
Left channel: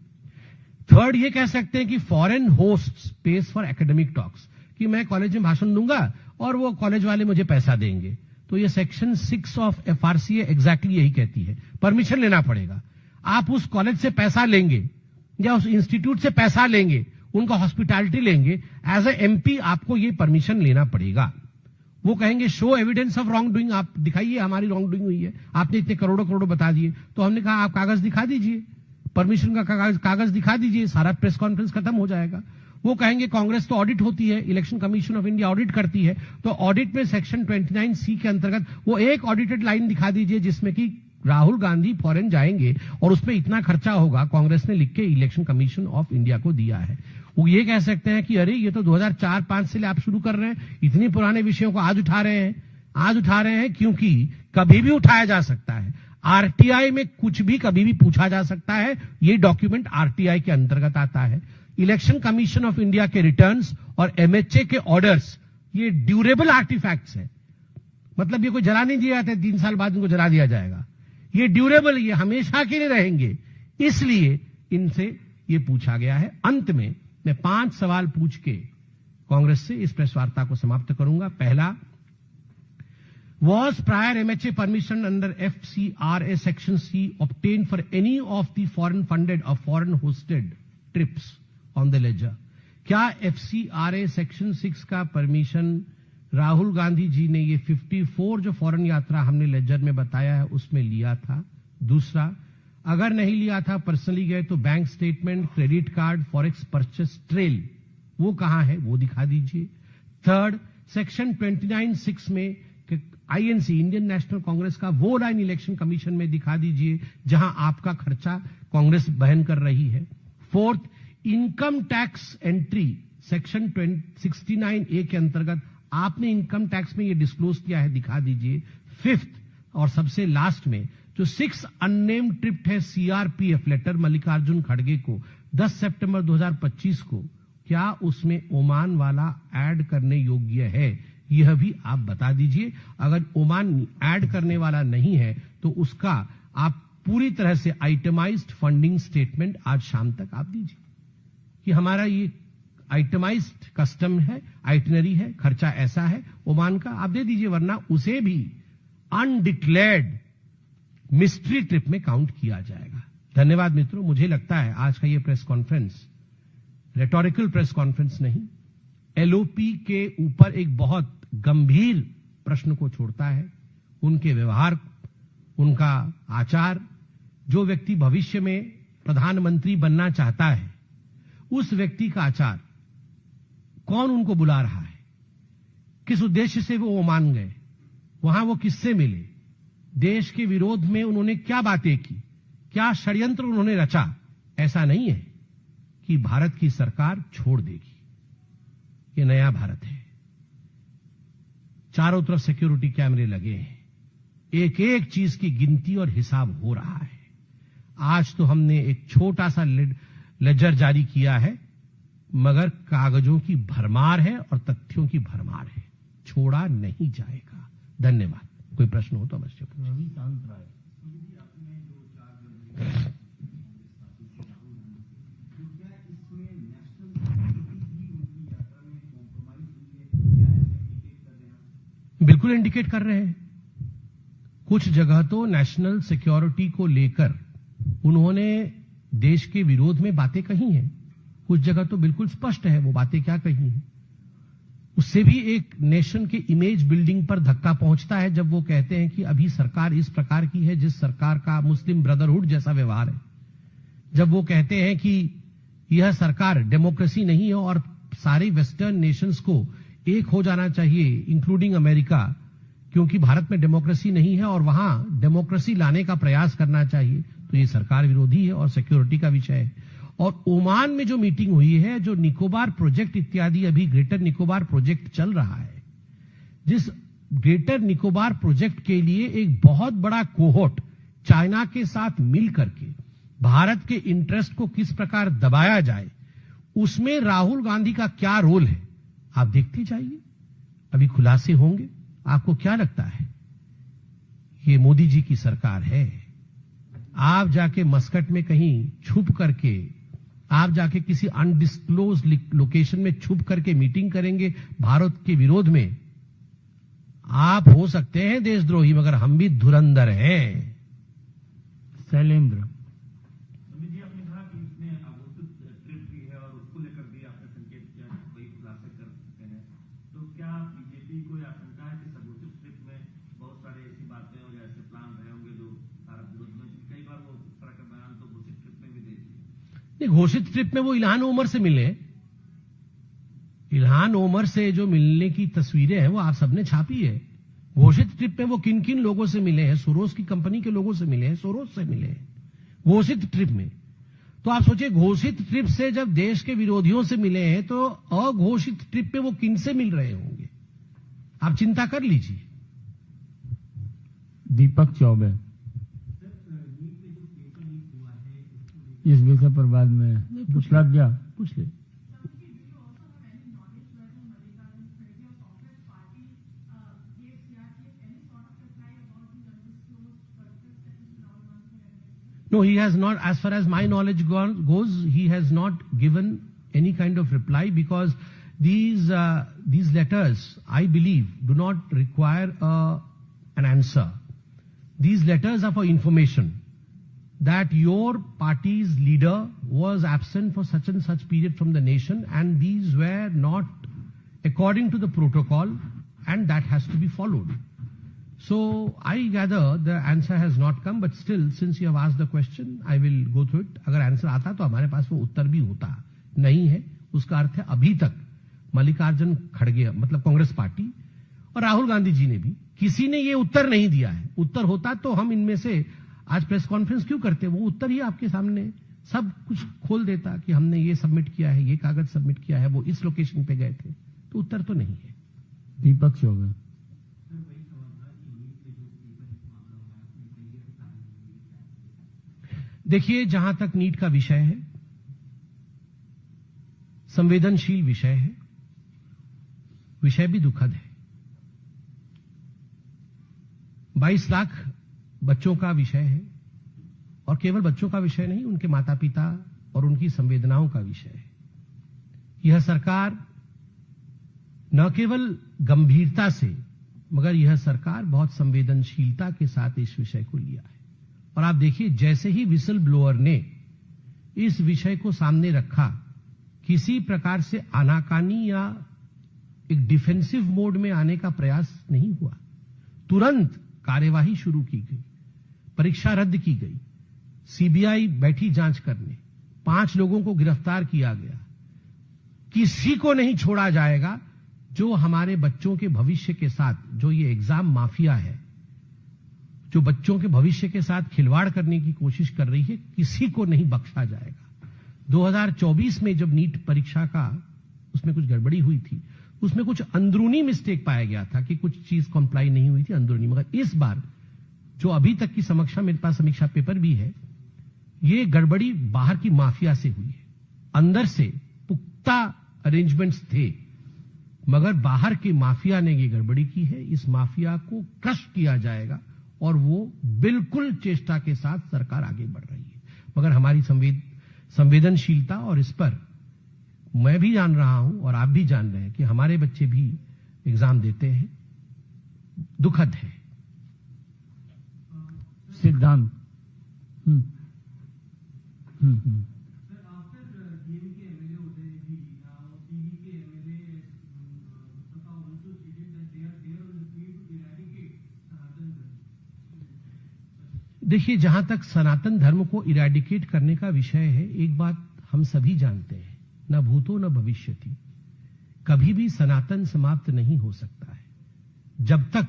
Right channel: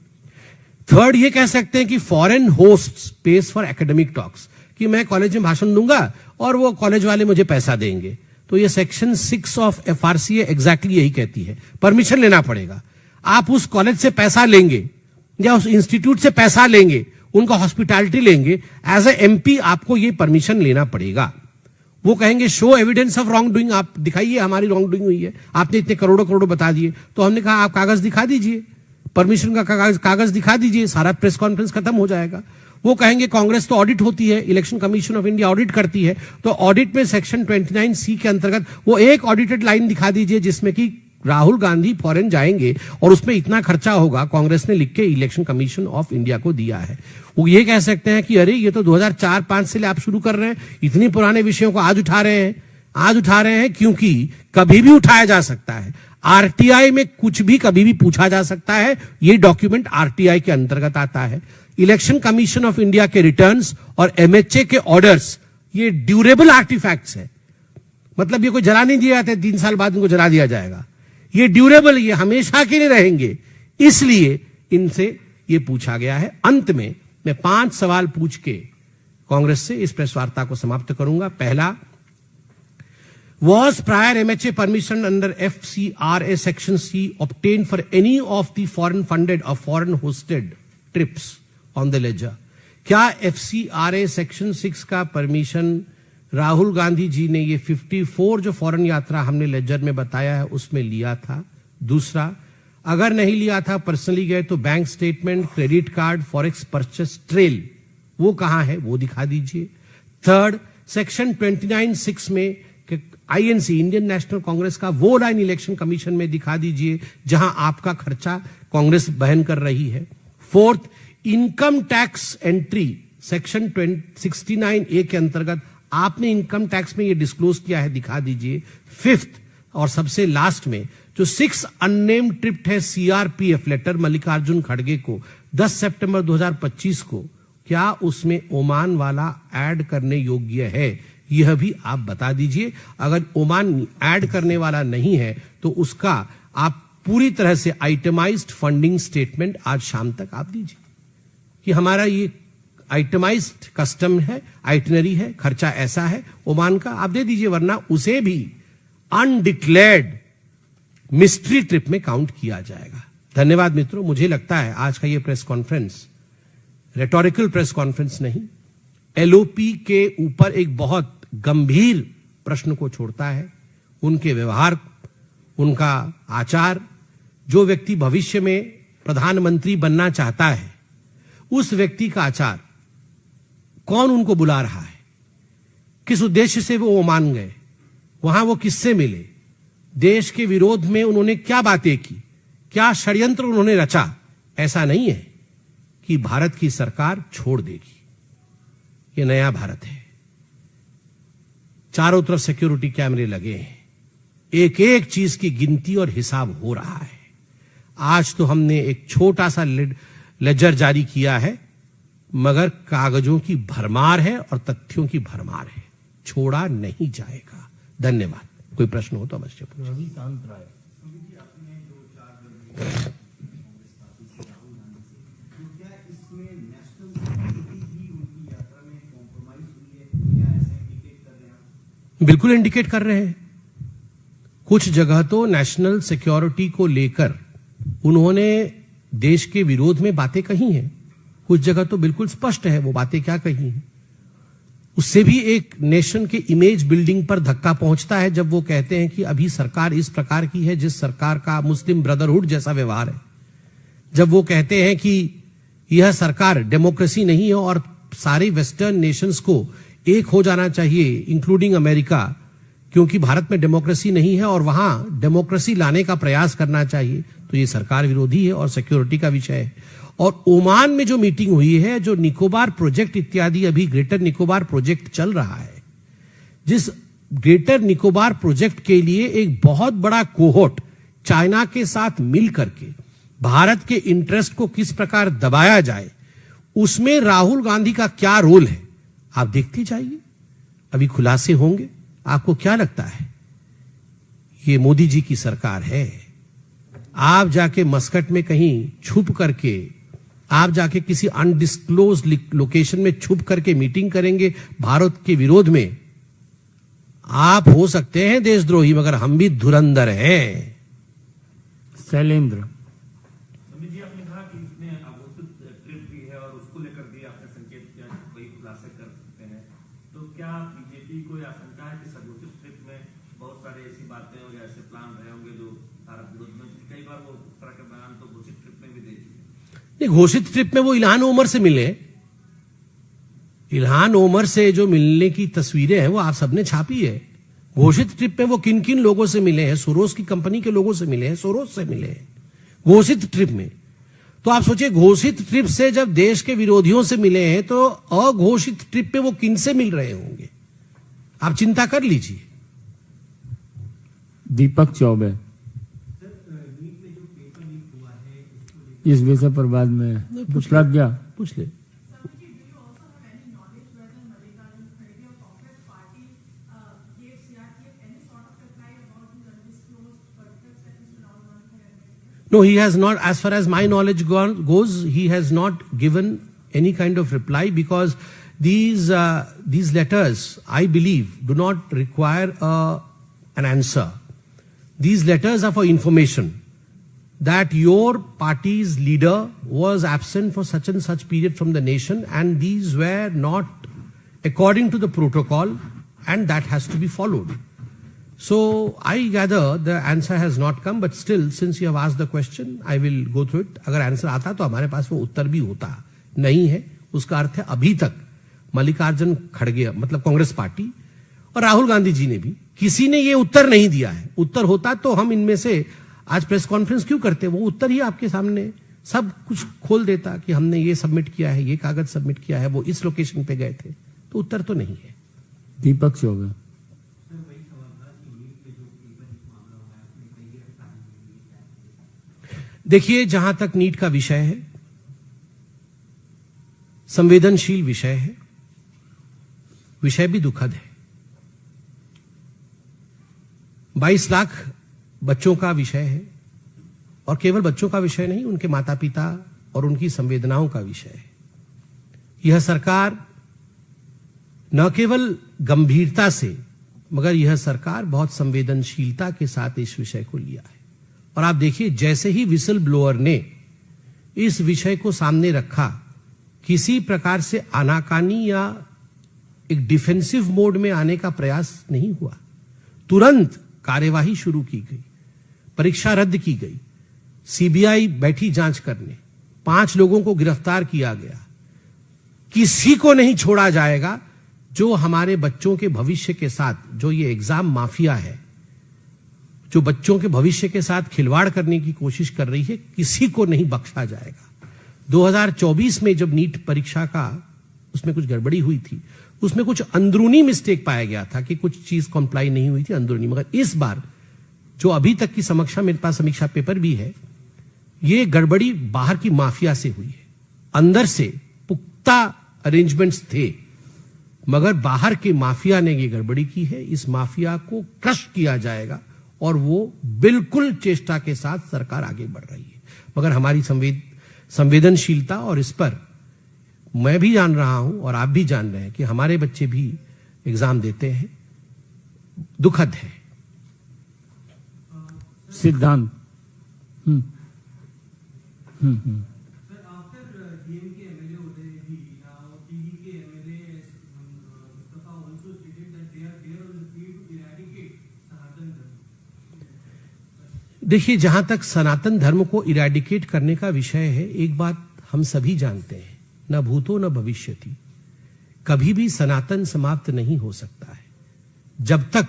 थर्ड, ये कह सकते हैं कि foreign hosts pays for academic talks, कि मैं कॉलेज में भाषण दूंगा और वो कॉलेज वाले मुझे पैसा देंगे। तो ये सेक्शन 6 ऑफ FRCA एग्जैक्टली यही कहती है, परमिशन लेना पड़ेगा। आप उस कॉलेज से पैसा लेंगे या उस इंस्टीट्यूट से पैसा लेंगे, उनका हॉस्पिटैलिटी लेंगे, एज ए MP आपको ये परमिशन लेना पड़ेगा। वो कहेंगे show evidence of wrong doing, आप दिखाइए हमारी रॉन्ग डूइंग हुई है, आपने इतने करोड़ों करोड़ बता दिए। तो हमने कहा आप कागज दिखा दीजिए, परमिशन का कागज दिखा दीजिए, सारा प्रेस कॉन्फ्रेंस खत्म हो जाएगा। वो कहेंगे कांग्रेस तो ऑडिट होती है, election commission of India audit करती है, तो ऑडिट में सेक्शन 29C के अंतर्गत वो एक ऑडिटेड लाइन दिखा दीजिए जिसमें कि राहुल गांधी फॉरेन जाएंगे और उसमें इतना खर्चा होगा, कांग्रेस ने लिख के इलेक्शन कमीशन ऑफ इंडिया को दिया है। वो ये कह सकते हैं कि अरे ये तो 2004-5 से आप शुरू कर रहे हैं, इतनी पुराने विषयों को आज उठा रहे हैं क्योंकि कभी भी उठाया जा सकता है। RTI में कुछ भी कभी भी पूछा जा सकता है, ये डॉक्यूमेंट RTI के अंतर्गत आता है। इलेक्शन कमीशन ऑफ इंडिया के रिटर्न्स और MHA के ऑर्डर्स, ये ड्यूरेबल आर्टिफैक्ट्स है, मतलब ये कोई जला नहीं दिया जाता, 3 साल बाद इनको जला दिया जाएगा। ये ड्यूरेबल, ये हमेशा के लिए रहेंगे, इसलिए इनसे ये पूछा गया है। अंत में मैं 5 सवाल पूछ के कांग्रेस से इस प्रेस वार्ता को समाप्त करूंगा। पहला, was prior MHA permission under FCRA section C obtained for any of the foreign funded or foreign hosted trips on the ledger? क्या FCRA सेक्शन 6 का परमिशन राहुल गांधी जी ने ये 54 जो फॉरेन यात्रा हमने लेजर में बताया है उसमें लिया था? दूसरा, अगर नहीं लिया था, पर्सनली गए, तो bank statement, credit card, forex purchase trail वो कहां है, वो दिखा दीजिए। थर्ड, सेक्शन 29(6) में INC इंडियन नेशनल कांग्रेस का वो लाइन इलेक्शन कमीशन में दिखा दीजिए जहां आपका खर्चा कांग्रेस वहन कर रही है। Fourth, income tax entry section 69A के अंतर्गत आपने इनकम टैक्स में ये डिस्क्लोज किया है, दिखा दीजिए। फिफ्थ और सबसे लास्ट में जो 6 अननेम्ड ट्रिप है CRPF लेटर मल्लिकार्जुन खड़गे को 10 सितंबर 2025 को, क्या उसमें ओमान वाला ऐड करने योग्य है, यह भी आप बता दीजिए। अगर ओमान ऐड करने वाला नहीं है तो उसका आप पूरी तरह से आइटमाइज्ड फंडिंग स्टेटमेंट आज शाम तक आप दीजिए कि हमारा ये आइटमाइज्ड कस्टम है, आइटनरी है, खर्चा ऐसा है ओमान का, आप दे दीजिए, वरना उसे भी अनडिक्लेयर्ड मिस्ट्री ट्रिप में काउंट किया जाएगा। धन्यवाद मित्रों, मुझे लगता है आज का ये press conference rhetorical press conference नहीं, LOP के ऊपर एक बहुत गंभीर प्रश्न को छोड़ता है। उनके व्यवहार, उनका आचार, जो व्यक्ति भविष्य में प्रधानमंत्री बनना चाहता है उस व्यक्ति का आचार, कौन उनको बुला रहा है, किस उद्देश्य से वो ओमान गए, वहां वो किससे मिले, देश के विरोध में उन्होंने क्या बातें की, क्या षड्यंत्र उन्होंने रचा। ऐसा नहीं है कि भारत की सरकार छोड़ देगी, ये नया भारत है, चारों तरफ सिक्योरिटी कैमरे लगे हैं, एक एक चीज की गिनती और हिसाब हो रहा है। आज तो हमने एक छोटा सा लेजर जारी किया है, मगर कागजों की भरमार है और तथ्यों की भरमार है, छोड़ा नहीं जाएगा। धन्यवाद। कोई प्रश्न हो तो अवश्य पूछिए। बिल्कुल इंडिकेट कर रहे हैं। कुछ जगह तो नेशनल सिक्योरिटी को लेकर उन्होंने देश के विरोध में बातें कही हैं, कुछ जगह तो बिल्कुल स्पष्ट है वो बातें क्या कही हैं। उससे भी एक नेशन के इमेज बिल्डिंग पर धक्का पहुंचता है जब वो कहते हैं कि अभी सरकार इस प्रकार की है जिस सरकार का मुस्लिम ब्रदरहुड जैसा व्यवहार है, जब वो कहते हैं कि यह सरकार डेमोक्रेसी नहीं है और सारे वेस्टर्न नेशंस को एक हो जाना चाहिए इंक्लूडिंग अमेरिका, क्योंकि भारत में डेमोक्रेसी नहीं है और वहां डेमोक्रेसी लाने का प्रयास करना चाहिए, तो ये सरकार विरोधी है और सिक्योरिटी का विषय है। और ओमान में जो मीटिंग हुई है, जो निकोबार प्रोजेक्ट इत्यादि, अभी ग्रेटर निकोबार प्रोजेक्ट चल रहा है, जिस ग्रेटर निकोबार प्रोजेक्ट के लिए एक बहुत बड़ा कोहोर्ट चाइना के साथ मिल करके भारत के इंटरेस्ट को किस प्रकार दबाया जाए, उसमें राहुल गांधी का क्या रोल है आप देखते जाइए, अभी खुलासे होंगे। आपको क्या लगता है ये मोदी जी की सरकार है। आप जाके मस्कट में कहीं छुप करके, आप जाके किसी अनडिस्क्लोज लोकेशन में छुप करके मीटिंग करेंगे भारत के विरोध में, आप हो सकते हैं देशद्रोही, मगर हम भी धुरंधर हैं। शैलेंद्र जी, आपने कहा कि इसमें अघोषित ट्रिप भी है और उसको लेकर भी आपने संकेत किया कि कोई खुलासे कर सकते हैं, तो क्या बीजेपी को यह आशंका है कि इस अघोषित ट्रिप में बहुत सारे ऐसी बातें और ऐसे प्लान रहे होंगे जो भारत विरोध में, कई बार वो उस तरह के बयान तो घोषित ट्रिप में भी दे दिए। घोषित ट्रिप में वो इल्हान ओमर से मिले, इल्हान ओमर से जो मिलने की तस्वीरें हैं वो आप सबने छापी है। घोषित ट्रिप में वो किन किन लोगों से मिले हैं? सोरोस की कंपनी के लोगों से मिले हैं, सोरोस से मिले हैं घोषित ट्रिप में। तो आप सोचिए, घोषित ट्रिप से जब देश के विरोधियों से मिले हैं तो अघोषित ट्रिप पे वो किन से मिल रहे होंगे? आप चिंता कर लीजिए। दीपक चौबे इस विषय पर बाद में प्रज्ञा पूछ ले। No, he has not, as far as my knowledge goes, he has not given any kind of reply, because these letters, I believe, do not require an answer. These letters are for information, that your party's leader was absent for such and such period from the nation, and these were not according to the protocol, and that has to be followed. So I gather the answer has not come, but still, since you have asked the question, I will go through it. अगर answer आता तो हमारे पास वो उत्तर भी होता, नहीं है उसका अर्थ है अभी तक मल्लिकार्जुन खड़गे, मतलब कांग्रेस पार्टी और राहुल गांधी जी ने भी, किसी ने ये उत्तर नहीं दिया है। उत्तर होता तो हम इनमें से आज प्रेस कॉन्फ्रेंस क्यों करते? वो उत्तर ही आपके सामने सब कुछ खोल देता कि हमने ये सबमिट किया है, ये कागज सबमिट किया है, वो इस लोकेशन पे गए थे। तो उत्तर तो नहीं है। दीपक चौबे देखिए, जहां तक नीट का विषय है, संवेदनशील विषय है, विषय भी दुखद है। 22 लाख बच्चों का विषय है, और केवल बच्चों का विषय नहीं, उनके माता पिता और उनकी संवेदनाओं का विषय है। यह सरकार न केवल गंभीरता से, मगर यह सरकार बहुत संवेदनशीलता के साथ इस विषय को लिया है। और आप देखिए, जैसे ही विसल ब्लोअर ने इस विषय को सामने रखा, किसी प्रकार से आनाकानी या एक डिफेंसिव मोड में आने का प्रयास नहीं हुआ। तुरंत कार्यवाही शुरू की गई, परीक्षा रद्द की गई, सीबीआई बैठी जांच करने, 5 लोगों को गिरफ्तार किया गया। किसी को नहीं छोड़ा जाएगा जो हमारे बच्चों के भविष्य के साथ, जो ये एग्जाम माफिया है, जो बच्चों के भविष्य के साथ खिलवाड़ करने की कोशिश कर रही है, किसी को नहीं बख्शा जाएगा। 2024 में जब नीट परीक्षा का उसमें कुछ गड़बड़ी हुई थी, उसमें कुछ अंदरूनी मिस्टेक पाया गया था कि कुछ चीज कंप्लाई नहीं हुई थी अंदरूनी, मगर इस बार जो अभी तक की समीक्षा, मेरे पास समीक्षा पेपर भी है, ये गड़बड़ी बाहर की माफिया से हुई है। अंदर से पुख्ता अरेंजमेंट्स थे, मगर बाहर के माफिया ने ये गड़बड़ी की है। इस माफिया को क्रश किया जाएगा, और वो बिल्कुल चेष्टा के साथ सरकार आगे बढ़ रही है। मगर हमारी संवेदनशीलता, और इस पर मैं भी जान रहा हूं और आप भी जान रहे हैं कि हमारे बच्चे भी एग्जाम देते हैं, दुखद है। सिद्धांत देखिए, जहां तक सनातन धर्म को इरेडिकेट करने का विषय है, एक बात हम सभी जानते हैं, न भूतो न भविष्यति, कभी भी सनातन समाप्त नहीं हो सकता है। जब तक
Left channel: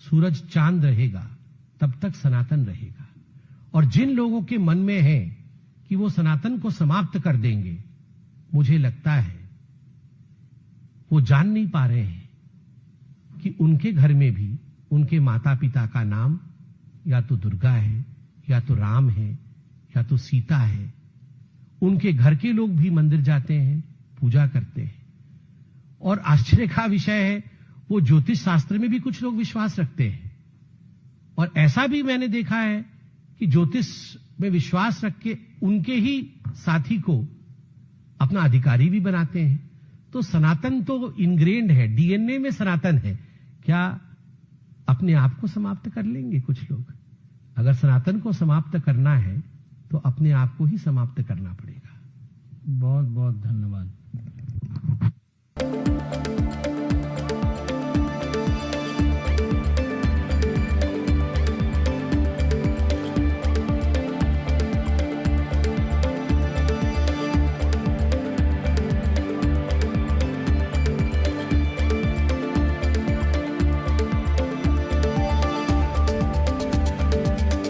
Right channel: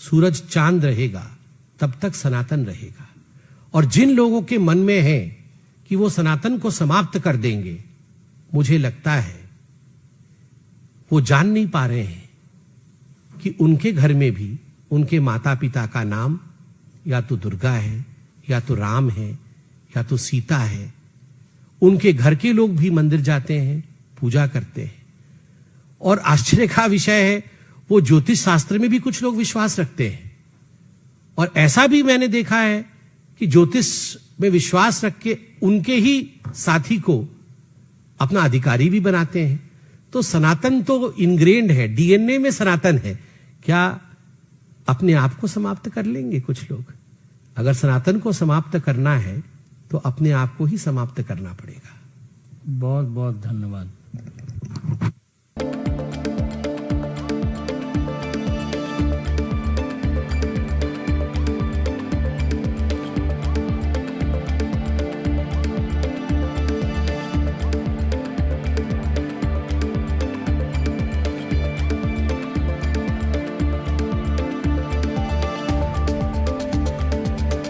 सूरज चांद रहेगा तब तक सनातन रहेगा। और जिन लोगों के मन में है कि वो सनातन को समाप्त कर देंगे, मुझे लगता है वो जान नहीं पा रहे हैं कि उनके घर में भी उनके माता पिता का नाम या तो दुर्गा है, या तो राम है, या तो सीता है। उनके घर के लोग भी मंदिर जाते हैं, पूजा करते हैं। और आश्चर्य का विषय है, वो ज्योतिष शास्त्र में भी कुछ लोग विश्वास रखते हैं। और ऐसा भी मैंने देखा है कि ज्योतिष में विश्वास रख के उनके ही साथी को अपना अधिकारी भी बनाते हैं। तो सनातन तो इनग्रेन्ड है, डीएनए में सनातन है। क्या अपने आप को समाप्त कर लेंगे कुछ लोग? अगर सनातन को समाप्त करना है तो अपने आप को ही समाप्त करना पड़ेगा। बहुत बहुत धन्यवाद।